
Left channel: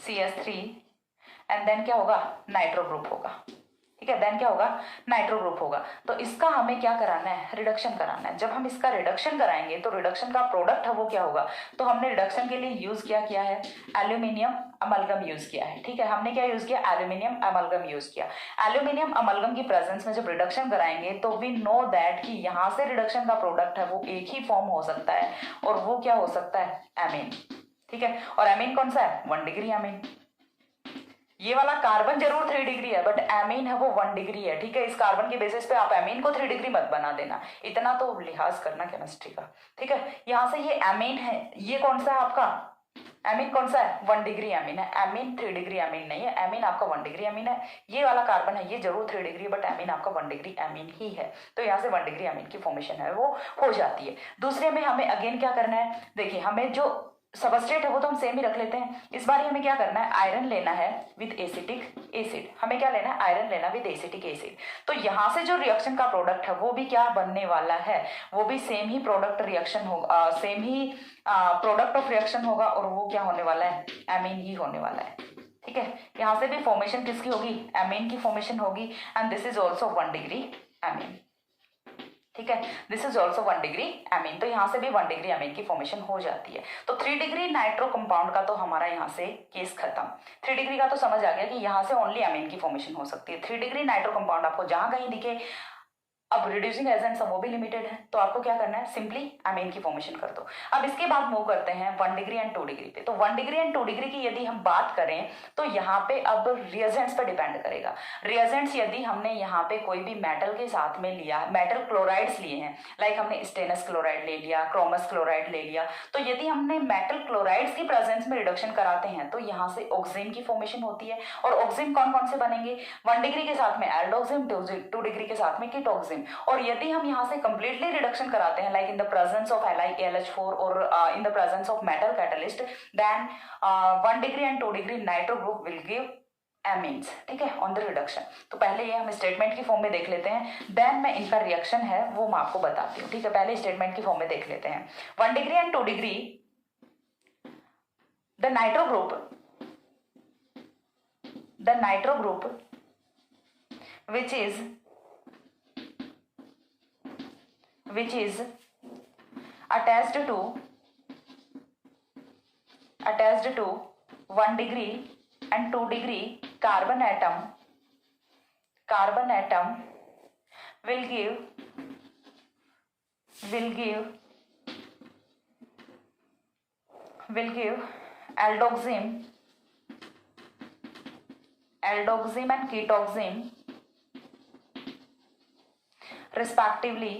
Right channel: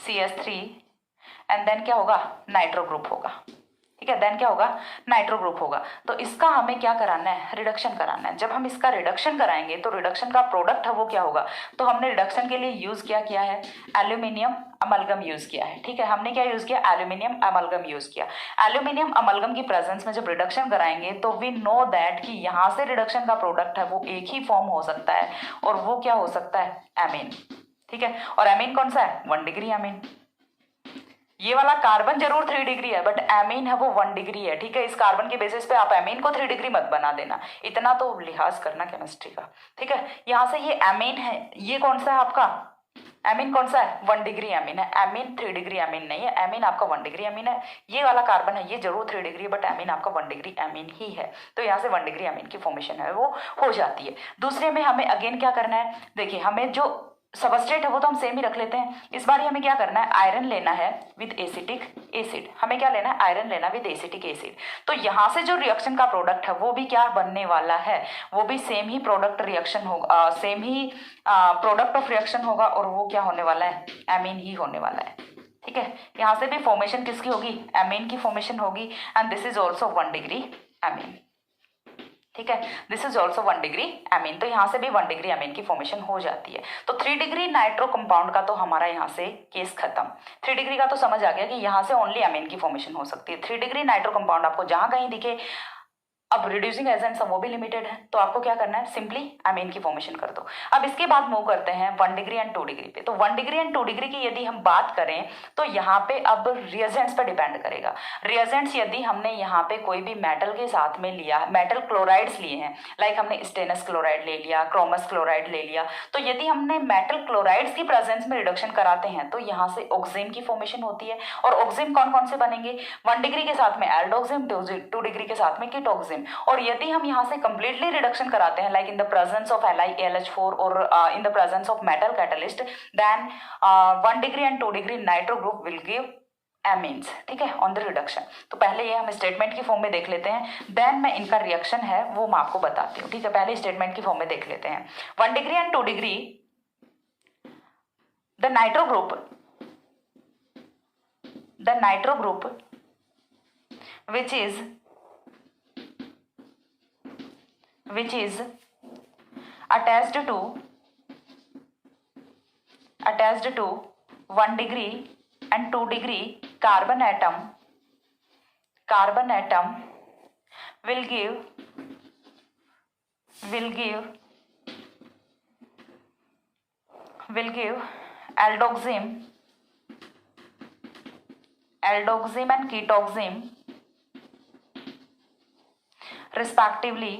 CH3 and then क्या होगा, नाइट्रो ग्रुप होगा। ठीक है, देन क्या होगा, नाइट्रो ग्रुप होगा। तो इसका हमें क्या कराना है, रिडक्शन कराना है। जब हम इसका रिडक्शन कराएंगे तो रिडक्शन का प्रोडक्ट है वो क्या होगा, तो हमने रिडक्शन के लिए यूज किया है एल्यूमिनियम अमलगम यूज किया है। ठीक है, हमने क्या यूज किया, एल्यूमिनियम अमलगम यूज किया। एल्यूमिनियम अमलगम की प्रेजेंस में जब रिडक्शन कराएंगे तो वी नो दैट कि यहाँ से रिडक्शन का प्रोडक्ट है वो एक ही फॉर्म हो सकता है और वो क्या हो सकता है, एमीन। ठीक है, और एमीन कौन सा है, 1 डिग्री एमीन। ये वाला कार्बन जरूर 3 डिग्री है बट एमीन है वो 1 डिग्री है। ठीक है, इस कार्बन के बेसिस पे आप एमीन को 3 डिग्री मत बना देना, इतना तो लिहाज करना केमिस्ट्री का। ठीक है, यहाँ से ये एमीन है, ये कौन सा है आपका, एमीन कौन सा है, 1 डिग्री एमीन है। एमीन 3 डिग्री एमीन नहीं है, एमीन आपका 1 डिग्री एमीन है। ये वाला कार्बन है ये जरूर 3 डिग्री बट एमीन आपका 1 डिग्री एमीन ही है। तो यहाँ से 1 डिग्री एमीन की फॉर्मेशन है वो हो जाती है। दूसरे में हमें अगेन क्या करना है, देखिए हमें जो सबस्ट्रेट है वो तो हम सेम ही रख लेते हैं। इस बार हमें क्या करना है, आयरन लेना है विद एसिटिक एसिड। हमें क्या लेना है, आयरन लेना विद एसिटिक एसिड। तो यहाँ से जो रिएक्शन का प्रोडक्ट है वो भी क्या बनने वाला है, वो भी सेम ही प्रोडक्ट रिएक्शन होगा, same he product of reaction होगा और वो क्या होने वाला है, एमीन ही होने वाला है। ठीक है, यहाँ से भी फॉर्मेशन किसकी होगी, एमीन की फॉर्मेशन होगी and this is also 1 degree amine. ठीक है, this is also 1 degree amine. तो यहाँ से भी 1 डिग्री एमीन की फॉर्मेशन हो जाती है। तो 3 डिग्री नाइट्रो कंपाउंड का तो हमारा यहाँ से केस खत्म। 3 डिग्री का तो समझ आ गया कि यहाँ से ओनली एमीन की फॉर्मेशन हो सकती है। 3 डिग्री नाइट्रो कंपाउंड आपको जहां कहीं दिखे, अब रिड्यूसिंग एजेंट्स वो भी लिमिटेड है तो आपको क्या करना है, सिंपली एमीन की फॉर्मेशन कर दो। अब इसके बाद मूव करते हैं 1 डिग्री एंड 2 डिग्री पे। तो 1 डिग्री एंड 2 डिग्री की यदि हम बात करें तो यहाँ पे अब रिएजेंट्स पे डिपेंड करेगा। रिएजेंट्स यदि हमने यहाँ पे कोई भी मेटल के साथ में लिया, मेटल क्लोराइड्स लिए हैं, लाइक हमने स्टेनस क्लोराइड ले लिया, क्रोमस क्लोराइड ले लिया, तो यदि हमने मेटल क्लोराइड्स की प्रेजेंस में रिडक्शन कराते हैं तो यहाँ से ऑक्सीजन की फॉर्मेशन होती है। और ऑक्सीजन कौन कौन से बनेंगे, 1 डिग्री के साथ में एल्डोक्सिन, 2 डिग्री के साथ में कीटोक्सिन। और यदि हम यहाँ से कंप्लीटली रिडक्शन कराते हैं like in the presence of LiAlH4 और in the presence of metal catalyst, then 1 degree and 2 degree nitro group will give amines. ठीक है, ऑन द रिडक्शन। तो पहले ये हम स्टेटमेंट की फॉर्म में देख लेते हैं, देन मैं इनका रिएक्शन है वो मैं आपको बताती हूँ। ठीक है, पहले स्टेटमेंट की फॉर्म में देख लेते हैं। 1 degree and 2 degree the nitro group which is attached to 1 degree and 2 degree carbon atom will give aldoxim and ketoxim respectively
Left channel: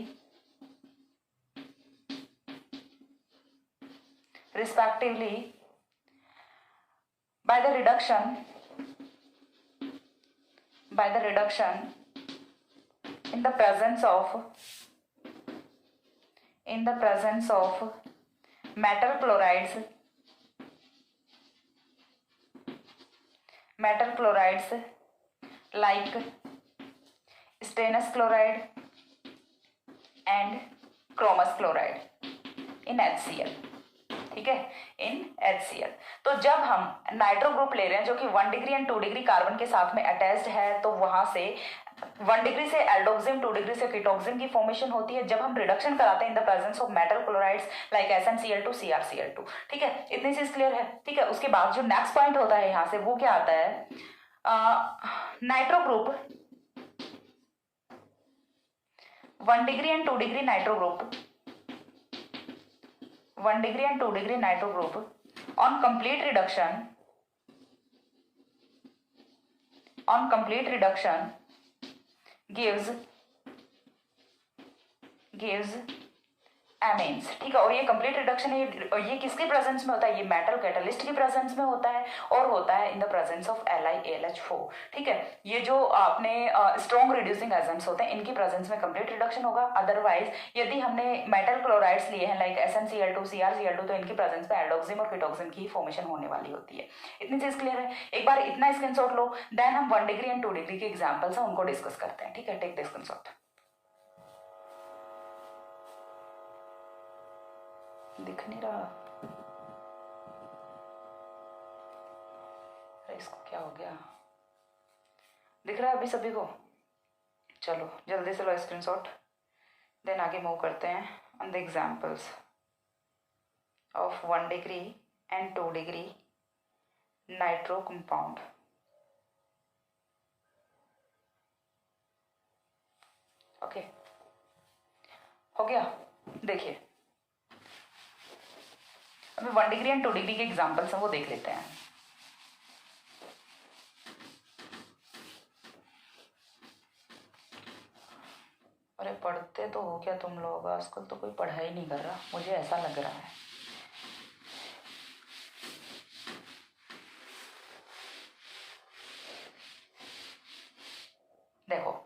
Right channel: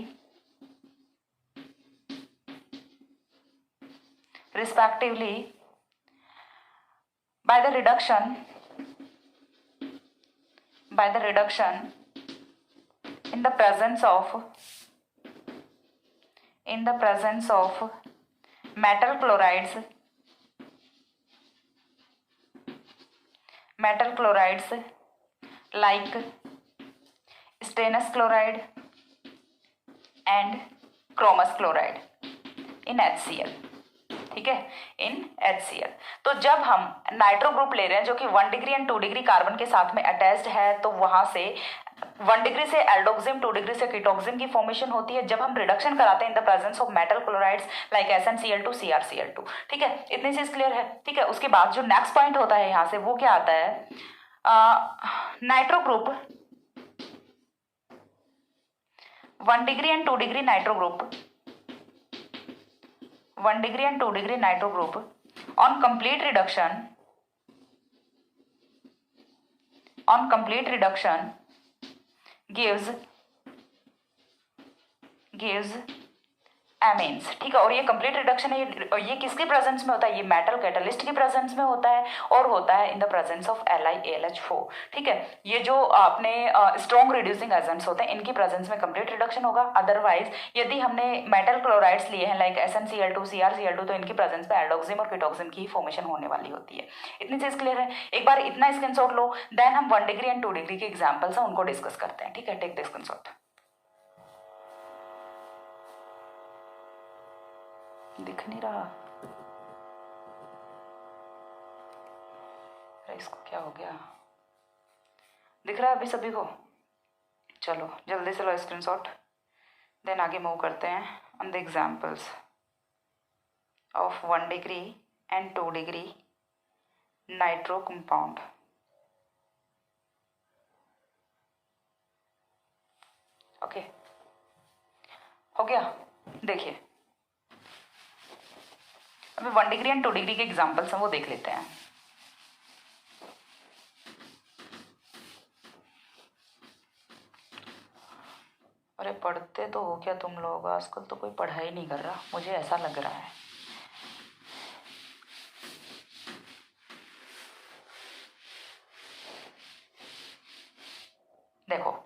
respectively by the reduction in the presence of metal chlorides like stannous chloride and chromous chloride in HCl. ठीक है, इन HCl। तो जब हम nitro group ले रहे हैं जो कि 1 डिग्री एंड 2 डिग्री कार्बन के साथ में अटैच्ड है, तो वहां से 1 डिग्री से एल्डोक्सिम, 2 डिग्री से कीटोक्सिम की फॉर्मेशन होती है जब हम रिडक्शन कराते हैं इन the presence of metal chlorides like SnCl2 CrCl2। ठीक है, इतनी चीज क्लियर है। ठीक है, उसके बाद जो नेक्स्ट पॉइंट होता है यहां से वो क्या आता है, nitro group 1 degree and 2 degree nitro group 1 degree and 2 degree nitro group on complete reduction gives amines। ठीक है, और ये कंप्लीट रिडक्शन है, ये किसके प्रेजेंस में होता है, ये मेटल कैटलिस्ट के प्रेजेंस में होता है और होता है in the presence of LiAlH4। ठीक है, ये जो अपने स्ट्रॉन्ग रिड्यूसिंग एजेंट्स होते हैं इनकी प्रेजेंस में कंप्लीट रिडक्शन होगा। अदरवाइज यदि हमने मेटल क्लोराइड्स लिए हैं लाइक SnCl2 CrCl2 तो इनकी प्रेजेंस में एल्डोक्सिम और कीटोक्सिम की फॉर्मेशन होने वाली होती है। इतनी चीज क्लियर है। एक बार इतना स्क्रीनशॉट लो, देन हम 1 डिग्री एंड 2 डिग्री के एग्जाम्पल्स हैं उनको डिस्कस करते हैं। ठीक है, टेक द स्क्रीनशॉट। दिख नहीं रहा, अरे इसको क्या हो गया, दिख रहा है अभी सभी को? चलो जल्दी से लो स्क्रीनशॉट, देन आगे मूव करते हैं on the examples of 1 degree and 2 degree nitro compound. Okay, हो गया। देखिए अभी 1 डिग्री एंड 2 डिग्री के एग्जाम्पल्स हैं वो देख लेते हैं। अरे पढ़ते तो हो क्या तुम लोग, आजकल तो कोई पढ़ाई नहीं कर रहा, मुझे ऐसा लग रहा है। देखो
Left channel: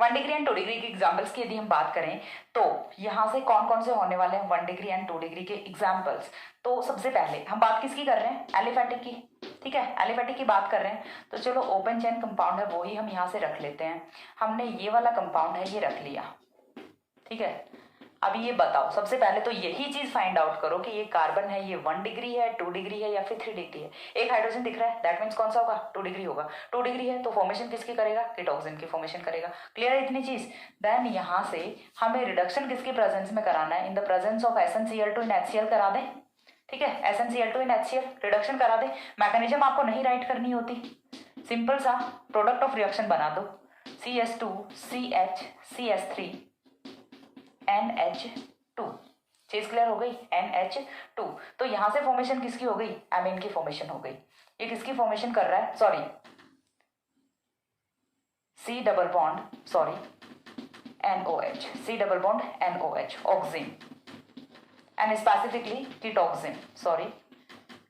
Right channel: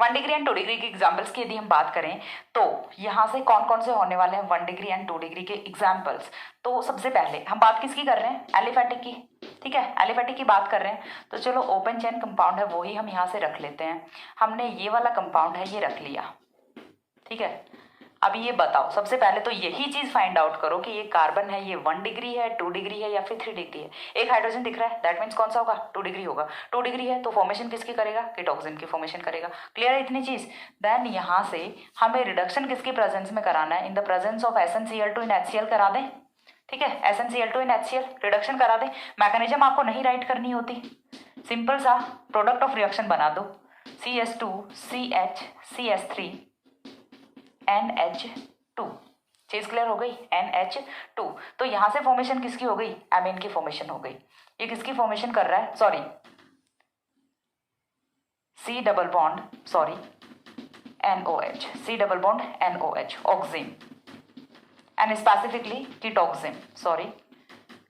1 डिग्री एंड 2 डिग्री के एग्जाम्पल्स की यदि हम बात करें तो यहाँ से कौन कौन से होने वाले हैं 1 डिग्री एंड 2 डिग्री के एग्जाम्पल्स। तो सबसे पहले हम बात किसकी कर रहे हैं, एलिफेटिक की। ठीक है, एलिफेटिक की बात कर रहे हैं तो चलो ओपन चेन कंपाउंड है वो ही हम यहाँ से रख लेते हैं। हमने ये वाला कंपाउंड है ये रख लिया। ठीक है, अभी ये बताओ, सबसे पहले तो यही चीज फाइंड आउट करो कि ये कार्बन है ये 1 डिग्री है, 2 डिग्री है या फिर 3 डिग्री है। एक हाइड्रोजन दिख रहा है, दैट मीन्स कौन सा होगा, 2 डिग्री होगा। 2 डिग्री है तो फॉर्मेशन किसकी करेगा, कीटोक्सिन की फॉर्मेशन करेगा। क्लियर है इतनी चीज। देन यहाँ से हमें रिडक्शन किसके प्रेजेंस में कराना है, in the presence of SnCl2 in HCl करा दें। ठीक है, SnCl2 इन HCl रिडक्शन करा दें। मैकेनिज्म आपको नहीं राइट करनी होती, सिंपल सा प्रोडक्ट ऑफ रिएक्शन बना दो, CH2 CH CH3 NH2। चीज क्लियर हो गई, NH2। तो यहां से फॉर्मेशन किसकी हो गई, एमीन की फॉर्मेशन हो गई। ये किसकी फॉर्मेशन कर रहा है, sorry C double bond, sorry NOH, C double bond NOH, oxime and specifically ketoxime, sorry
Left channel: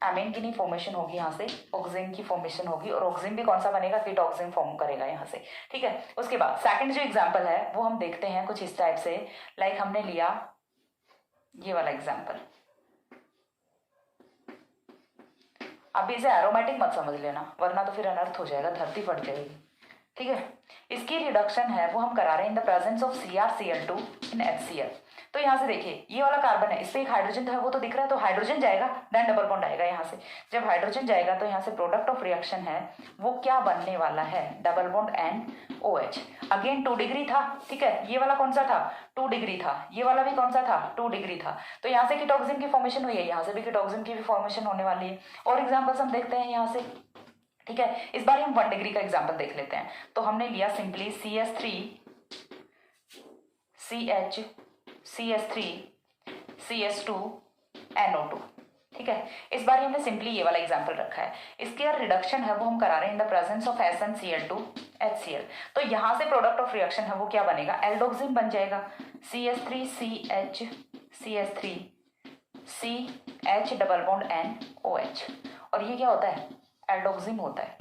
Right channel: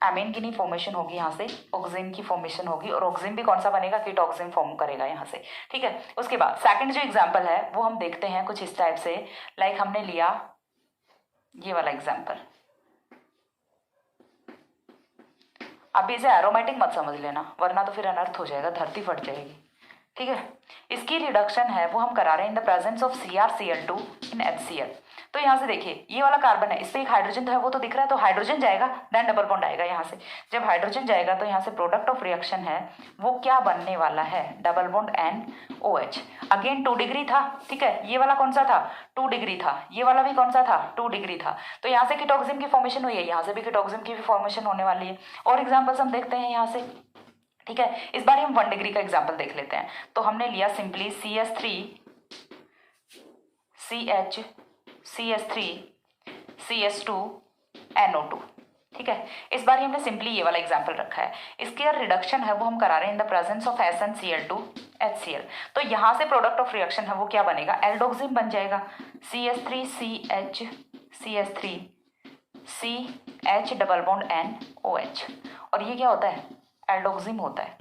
amine की नहीं फॉर्मेशन होगी, यहाँ से ऑक्सिन की फॉर्मेशन होगी और ऑक्सिन भी कौन सा बनेगा, कीटोक्सिन फॉर्म करेगा यहाँ से। ठीक है, उसके बाद सेकंड जो एग्जांपल है वो हम देखते हैं कुछ इस टाइप से, लाइक हमने लिया ये वाला एग्जांपल। अभी इसे एरोमेटिक मत समझ लेना वरना तो फिर अनर्थ हो जाएगा, धरती फट जाएगी। ठीक है, इसकी रिडक्शन है वो हम करा रहे हैं इन the presence of CrCl2 in HCl। तो यहाँ से देखिए ये वाला कार्बन है, इस पे एक हाइड्रोजन तो है वो तो दिख रहा है, तो हाइड्रोजन जाएगा देन डबल बॉन्ड आएगा यहाँ से। जब हाइड्रोजन जाएगा तो यहाँ से प्रोडक्ट ऑफ रिएक्शन है वो क्या बनने वाला है, double bond NOH। Again 2 degree था। ठीक है, ये वाला कौन सा था, 2 डिग्री था, ये वाला भी कौन सा था, 2 डिग्री था। तो यहाँ से कीटोक्सिन की फॉर्मेशन हुई है, यहाँ से भी कीटोक्सिन की भी फॉर्मेशन होने वाली है। और एग्जाम्पल्स हम देखते हैं यहाँ से। ठीक है, इस बार हम 1 डिग्री का एग्जाम्पल देख लेते हैं। तो हमने लिया सिंपली CH3 CH2 NO2। ठीक है, इस बार हमने सिंपली ये वाला एग्जाम्पल रखा है। इसके रिडक्शन है वो हम करा रहे हैं इन the presence of SnCl2 HCl। तो यहाँ से प्रोडक्ट ऑफ रिएक्शन है वो क्या बनेगा, एल्डोक्सिन बन जाएगा, CH3 CH CH3 CH double bond NOH, और ये क्या होता है, एल्डोक्सिम होता है।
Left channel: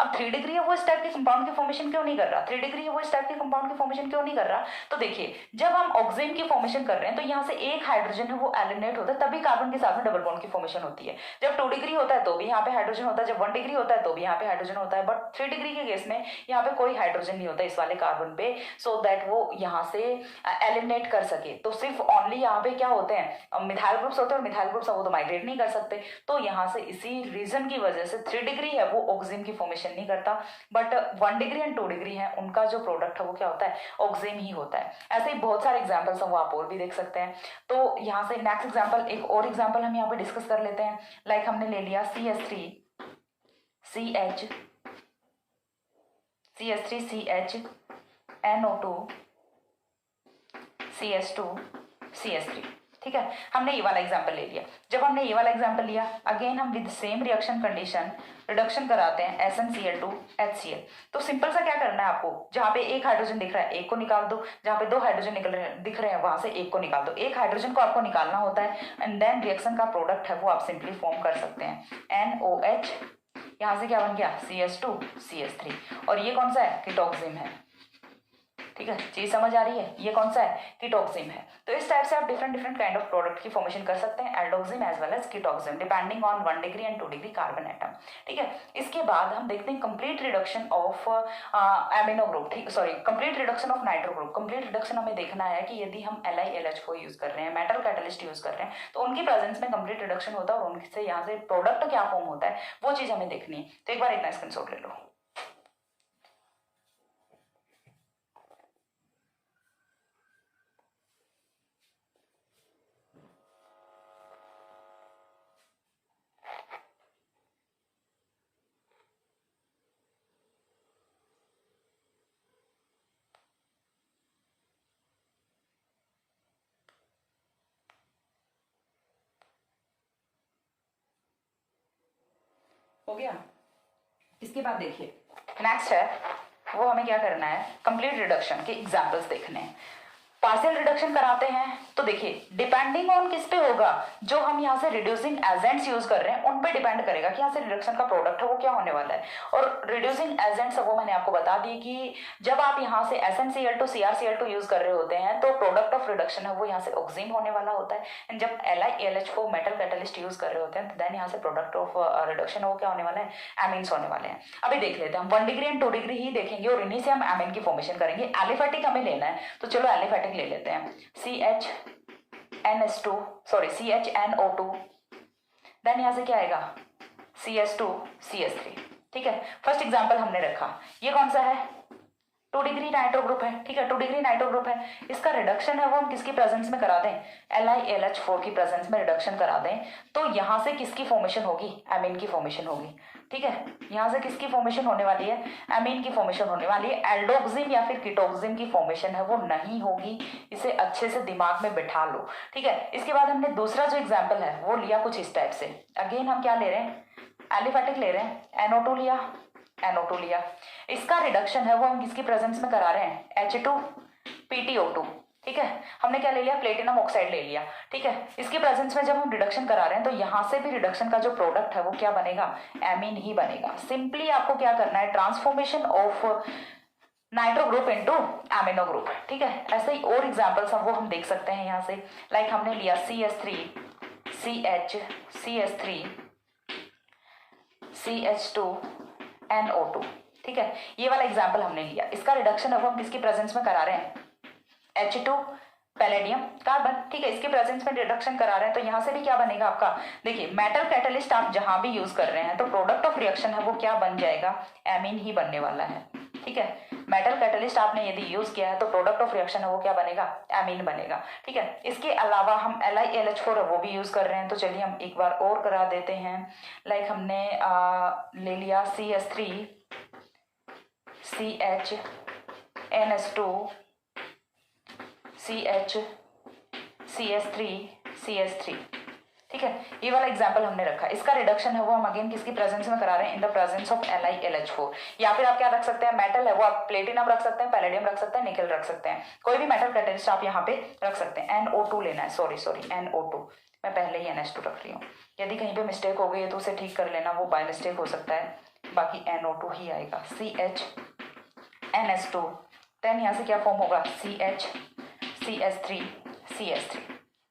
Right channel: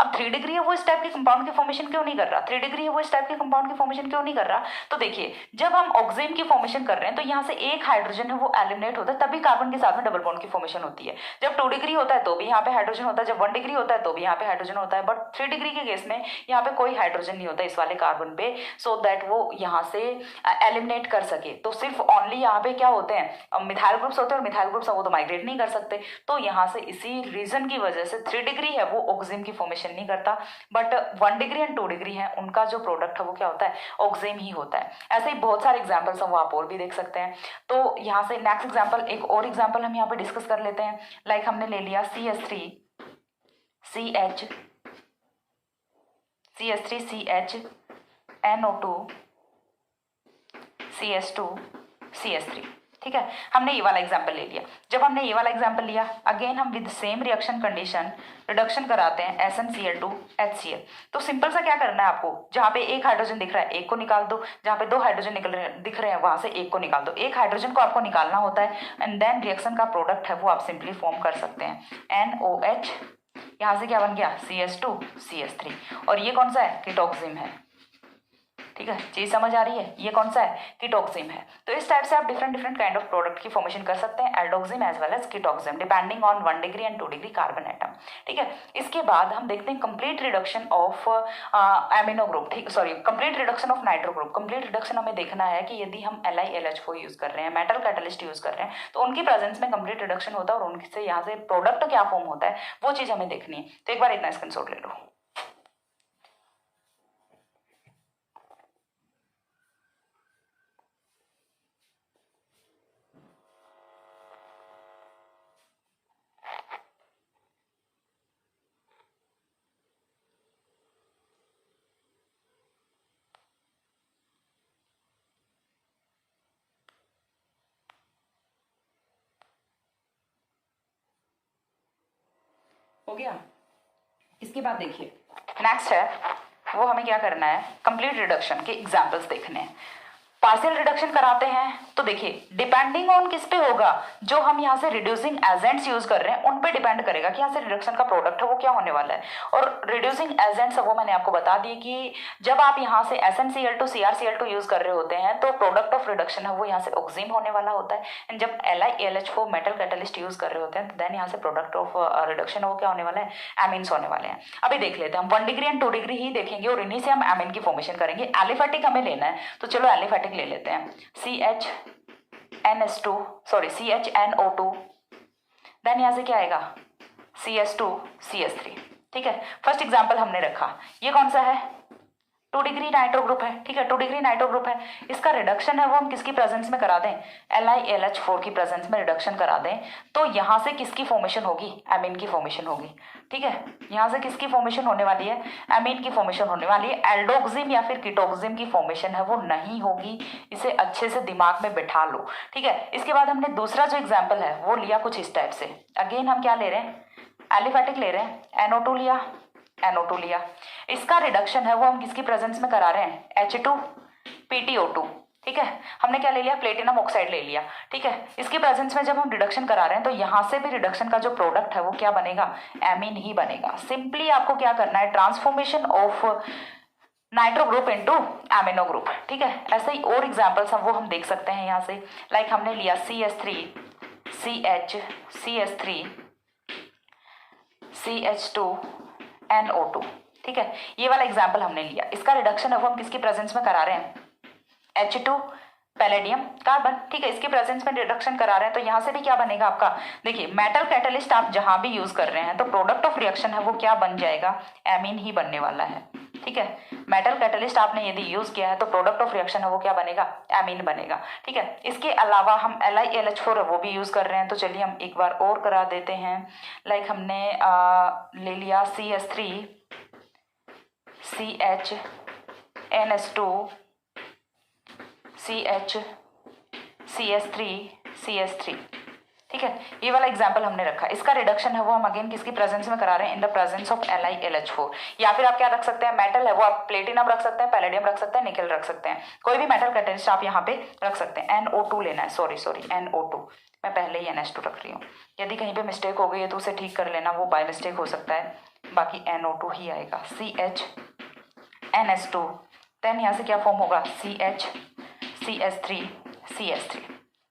अब 3 डिग्री है वो इस टाइप के कंपाउंड की फॉर्मेशन क्यों नहीं कर रहा, 3 डिग्री है वो इस टाइप के कंपाउंड की फॉर्मेशन क्यों नहीं कर रहा, तो देखिए जब हम ऑक्सीजन की फॉर्मेशन कर रहे हैं तो यहाँ से एक हाइड्रोजन है वो एलिमिनेट होता है, तभी कार्बन के साथ में डबल बॉन्ड की फॉर्मेशन होती है। जब 2 डिग्री होता है तो भी यहाँ पे हाइड्रोजन होता है, जब 1 डिग्री होता है तो भी यहाँ पे हाइड्रोजन होता है, बट 3 डिग्री के केस में यहाँ पे कोई हाइड्रोजन नहीं होता इस वाले कार्बन पे, सो दैट वो यहाँ से एलिमिनेट कर सके। तो सिर्फ ओनली यहाँ पे क्या होते हैं, मिथाइल ग्रुप्स होते हैं, और मिथाइल ग्रुप्स वो तो माइग्रेट नहीं कर सकते, तो यहाँ से इसी रीजन की वजह से 3 डिग्री है वो ऑक्सीजन की फॉर्मेशन नहीं करता, बट 1 डिग्री एंड 2 डिग्री है उनका जो प्रोडक्ट है वो क्या होता है, ऑक्सीजन ही होता है। ऐसे ही बहुत सारे एग्जांपल्स हैं वो आप और भी देख सकते हैं। तो यहाँ से नेक्स्ट एग्जांपल, एक और एग्जांपल हम यहाँ पे डिस्कस कर लेते हैं। लाइक हमने ले लिया CH3CH NO2 CS2CS3, ठीक है, हमने ये वाला एग्जांपल ले लिया। जब हमने ये वाला एग्जांपल लिया, अगेन हम with same reaction condition reduction कराते हैं SnCl2 HCl। तो सिंपल सा क्या करना है आपको, जहाँ पे एक हाइड्रोजन दिख रहा है एक को निकाल दो, जहाँ पे 2 हाइड्रोजन दिख रहे हैं वहां से एक को निकाल दो, एक हाइड्रोजन को आपको निकालना होता है, एंड देन रिएक्शन का प्रोडक्ट है वो आप सिंपली फॉर्म कर सकते हैं NOH, यहाँ से क्या बन गया CS2CS3, और ये कौन सा है, कीटोक्सिम है, ठीक है, चीज समझ आ रही है, ये कौन सा है, कीटोक्सिम है। तो इस टाइप से आप डिफरेंट काइंड ऑफ प्रोडक्ट की फॉर्मेशन कर सकते हैं, aldoxime as well as ketoxime, depending on 1 degree and 2 degree carbon atom, ठीक है। इसके बाद हम देखते हैं complete reduction of amino group, ठीक, sorry, complete reduction of nitro group. Complete reduction हमें देखना है कि यदि हम LiLH4 यूज कर रहे हैं, मेटल कैटलिस्ट यूज कर रहे हैं, तो उनकी प्रेजेंस में कंप्लीट रिडक्शन होता है, और उनसे यहाँ से प्रोडक्ट क्या फॉर्म होता है वो चीज हमें देखनी है। तो एक बार इतना स्क्रीनशॉट ले लो। हो गया। इसके बाद देखिए नेक्स्ट है वो हमें क्या करना है, कंप्लीट रिडक्शन के एग्जांपल्स देखने हैं। पार्शियल रिडक्शन कराते हैं तो देखिए डिपेंडिंग ऑन किस पे होगा, जो हम यहाँ से रिड्यूसिंग एजेंट्स यूज कर रहे हैं उन पे डिपेंड करेगा कि यहाँ से रिडक्शन का प्रोडक्ट है वो क्या होने वाला है। और रिड्यूसिंग एजेंट्स वो मैंने आपको बता दी कि जब आप यहाँ से SnCl2 CrCl2 यूज कर रहे होते हैं तो प्रोडक्ट ऑफ रिडक्शन है वो यहाँ से ऑक्सीजन होने वाला होता है, एंड जब LiLH4 मेटल कैटलिस्ट यूज कर रहे होते हैं तो देन यहाँ से प्रोडक्ट ऑफ रिडक्शन है वो क्या होने वाला है, एमीन्स होने वाले हैं। अभी देख लेते हैं, हम 1 डिग्री एंड 2 डिग्री ही देखेंगे और इन्हीं से हम एमीन की फॉर्मेशन करेंगे। एलिफेटिक हमें लेना है तो चलो एलिफेटिक ले लेते हैं, CHNO2, देन यहाँ से क्या आएगा, CS2CS3, ठीक है। फर्स्ट एग्जांपल हमने रखा, ये कौन सा है, 2 डिग्री नाइट्रो ग्रुप है, ठीक है, 2 डिग्री नाइट्रो ग्रुप है। इसका रिडक्शन है वो हम किसकी प्रेजेंस में करा दें, LiLH4 की प्रेजेंस में रिडक्शन करा दें, तो यहाँ से किसकी फॉर्मेशन होगी, एमीन की फॉर्मेशन होगी, ठीक है। यहाँ से किसकी फॉर्मेशन होने वाली है, एमीन की फॉर्मेशन होने वाली है, एल्डोक्सिम या फिर कीटोक्सिम की फॉर्मेशन है वो नहीं होगी। इसे अच्छे से दिमाग में बिठा लो, ठीक है। इसके बाद हमने दूसरा जो एग्जाम्पल है वो लिया कुछ इस टाइप से। अगेन हम क्या ले रहे हैं, एलिफेटिक ले रहे हैं, NO2 लिया, इसका रिडक्शन है वो हम किसकी प्रेजेंस में करा रहे हैं, H2PtO2, ठीक है। हमने क्या ले लिया, प्लेटिनम ऑक्साइड ले लिया, ठीक है। इसके प्रेजेंस में जब हम रिडक्शन करा रहे हैं तो यहाँ से भी रिडक्शन का जो प्रोडक्ट है वो क्या बनेगा, एमीन ही बनेगा। सिंपली आपको क्या करना है, transformation of nitro group into amino group, ठीक है। ऐसे ही और एग्जांपल्स हम वो हम देख सकते हैं यहाँ से। लाइक हमने लिया CH3CH2NO2, ठीक है, ये वाला एग्जाम्पल हमने लिया। इसका रिडक्शन है वो हम किसकी प्रेजेंस में करा रहे हैं, H2 पैलेडियम कार्बन, ठीक है, इसके प्रेजेंस में रिडक्शन करा रहे हैं तो यहाँ से भी क्या बनेगा आपका, देखिए मेटल कैटलिस्ट आप जहां भी यूज कर रहे हैं तो प्रोडक्ट ऑफ रिएक्शन है वो क्या बन जाएगा, एमीन ही बनने वाला है, ठीक है। मेटल कैटलिस्ट आपने यदि यूज किया है तो प्रोडक्ट ऑफ रिएक्शन है वो क्या बनेगा, एमीन बनेगा, ठीक है। इसके अलावा हम LiLH4 वो भी यूज कर रहे हैं तो चलिए हम एक बार और करा देते हैं। लाइक हमने ले लिया CH3CHNS2 CH CS3CS3, ठीक है, ये वाला एग्जाम्पल हमने रखा, इसका रिडक्शन है वो हम अगेन किसकी प्रेजेंस में करा रहे हैं, इन द प्रेजेंस ऑफ LiLH4। या फिर आप क्या रख सकते हैं, मेटल है वो आप प्लेटिनम रख सकते हैं, पैलेडियम रख सकते हैं, निकल रख सकते हैं, कोई भी मेटल कैटेलिस्ट आप यहाँ पे रख सकते हैं। NO2 लेना है, सॉरी NO2, मैं पहले ही NH2 रख रही हूँ। यदि कहीं पे मिस्टेक हो गई है तो उसे ठीक कर लेना, वो बाय मिस्टेक हो सकता है, बाकी NO2 ही आएगा। CH देन यहाँ से क्या फॉर्म होगा, CH,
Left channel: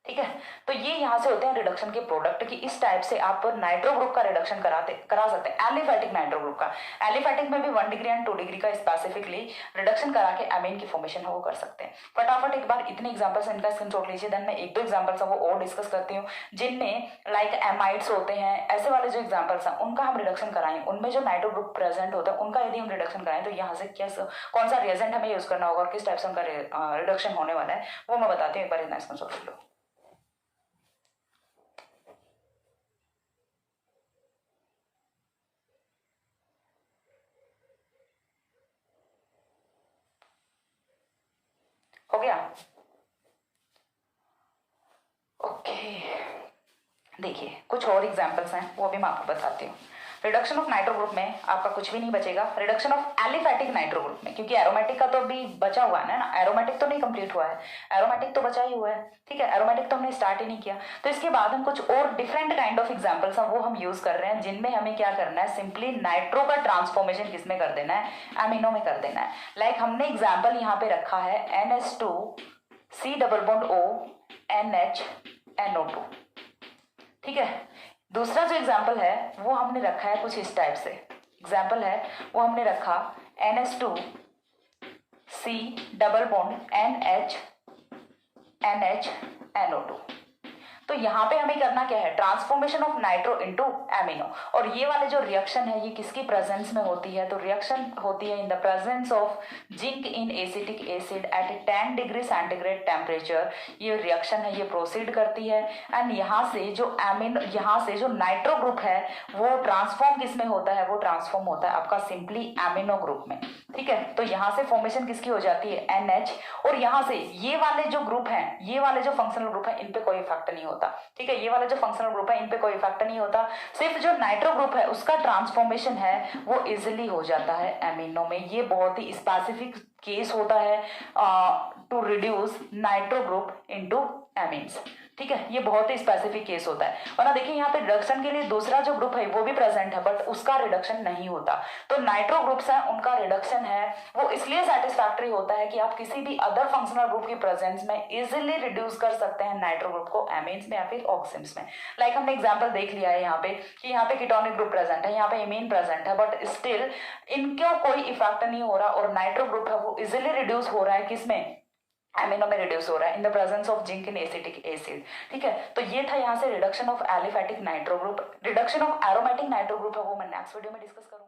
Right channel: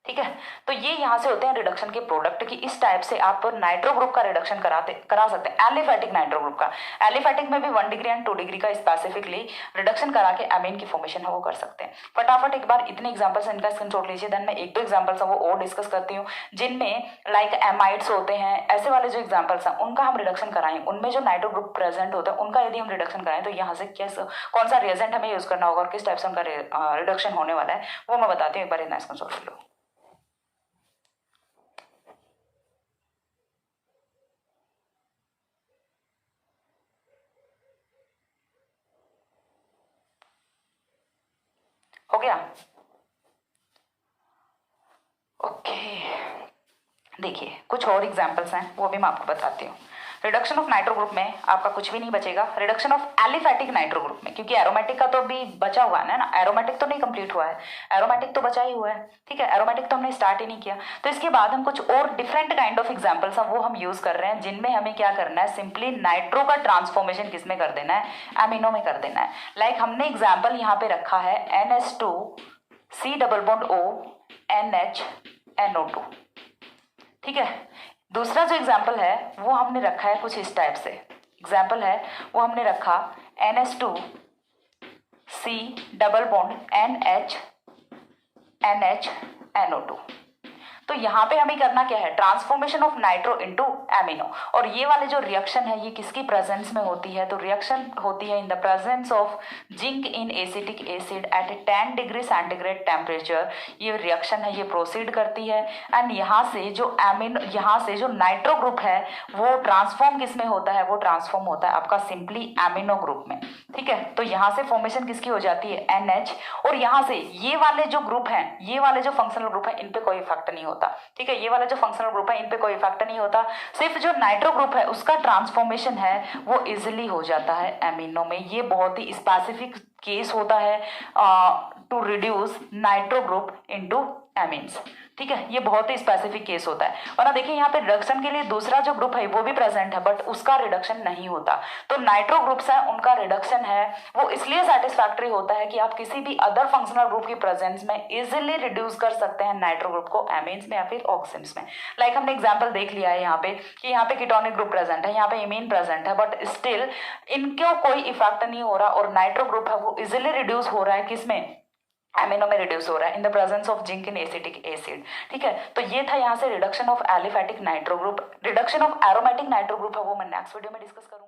ठीक है। तो ये यहाँ से होते हैं रिडक्शन के प्रोडक्ट की। इस टाइप से आप नाइट्रो ग्रुप का रिडक्शन करा सकते हैं, एलिफैटिक नाइट्रो ग्रुप का। एलिफैटिक में भी 1 डिग्री एंड 2 डिग्री का स्पेसिफिकली रिडक्शन करा के एमीन की फॉर्मेशन है वो कर सकते हैं। फटाफट एक बार इतने एग्जांपल्स इनका स्क्रीनशॉट लीजिए, देन मैं 1-2 एग्जांपल्स हैं वो और डिस्कस करती हूँ, जिनमें लाइक एमाइड्स होते हैं, ऐसे वाले जो एग्जाम्पल्स हैं उनका हम रिडक्शन कराएं, उनमें जो नाइट्रो ग्रुप प्रेजेंट होता है उनका यदि हम रिडक्शन कराएं तो यहाँ से कौन सा रिएजेंट हमें यूज करना होगा और किस टाइप से उनका रिडक्शन होने वाला है वो मैं बताती हूँ। एक बार इतना स्क्रीनशॉट लो। हो गया, ओके। देखिए कुछ और एग्जांपल्स हैं वो भी मैं आपको बताती हूँ। रिडक्शन ऑफ नाइट्रो ग्रुप में आपका कुछ भी नहीं बचेगा। Reduction of aliphatic nitro group में, क्योंकि एरोमेटिक का तो अभी बचा हुआ है ना, एरोमेटिक तो नहीं कंप्लीट हुआ है, एरोमेटिक तो बचा ही हुआ है, ठीक है, एरोमेटिक तो हमने स्टार्ट ही नहीं किया। तो इसके बाद हम कुछ और डिफरेंट काइंड ऑफ एग्जाम्पल्स हैं वो हम यूज कर रहे हैं, जिनमें हमें क्या करना है, सिंपली नाइट्रो का ट्रांसफॉर्मेशन किसमें कर देना है, एमिनो में कर देना है। लाइक हमने एग्जाम्पल यहाँ पे रखा है NH2 C double bond O NH NO2, ठीक है। दूसरा जो एग्जाम्पल है वो हमने रखा है कुछ इस टाइप से, एग्जाम्पल है वो हमने रखा NH2 C double bond NH NO2। तो यहाँ पे हमें करना क्या है, transformation of nitro into amino. और ये वाले जो रिएक्शन है ये किसकी प्रेजेंस में होती है, तो रिएक्शन होती है in the presence of zinc in acetic acid at 10 degree centigrade temperature. ये रिएक्शन है ये प्रोसीड करती है एंड यहाँ से जो नाइट्रो ग्रुप है वो ट्रांसफॉर्म किस में होता है, वो ट्रांसफॉर्म होता है आपका सिंपली एमिनो ग्रुप में, ठीक है। तो यहाँ से फॉर्मेशन किसकी हो जाती है, NH। और यहाँ से ये वाले जो ग्रुप हैं, ये वाले जो फंक्शनल ग्रुप है इन पे कोई इफेक्ट नहीं होता, ठीक है। ये वाला जो फंक्शनल ग्रुप है इन पे कोई इफेक्ट नहीं होता, सिर्फ जो नाइट्रो ग्रुप है उसका ट्रांसफॉर्मेशन है वो इजिली हो जाता है एमिनो में। ये बहुत ही स्पेसिफिक केस होता है to reduce nitro group into amines, ठीक है। ये बहुत ही स्पेसिफिक केस होता है। और ना देखिए यहाँ पे रिडक्शन के लिए दूसरा जो ग्रुप है वो भी प्रेजेंट है बट उसका रिडक्शन नहीं होता। तो नाइट्रो ग्रुप्स है उनका रिडक्शन है वो इसलिए सेटिस्फैक्टरी होता है कि आप किसी भी अदर फंक्शनल ग्रुप की प्रेजेंस में इजिली रिड्यूस कर सकते हैं नाइट्रो ग्रुप को एमीन्स में या फिर ऑक्सीन्स में। लाइक हमने एग्जाम्पल देख लिया है यहाँ पे कि यहाँ पे कीटोनिक ग्रुप प्रेजेंट है, यहाँ पे इमीन प्रेजेंट है, बट स्टिल इनको कोई इफेक्ट नहीं हो रहा और नाइट्रो ग्रुप है वो इजिली रिड्यूस हो रहा है किसमें, एमिनो में रिड्यूस हो रहा है in the presence of zinc in acetic acid, ठीक है। तो ये था यहाँ से reduction of aliphatic nitro group. Reduction of aromatic nitro group है वो मैं नेक्स्ट वीडियो में डिस्कस करूंगा।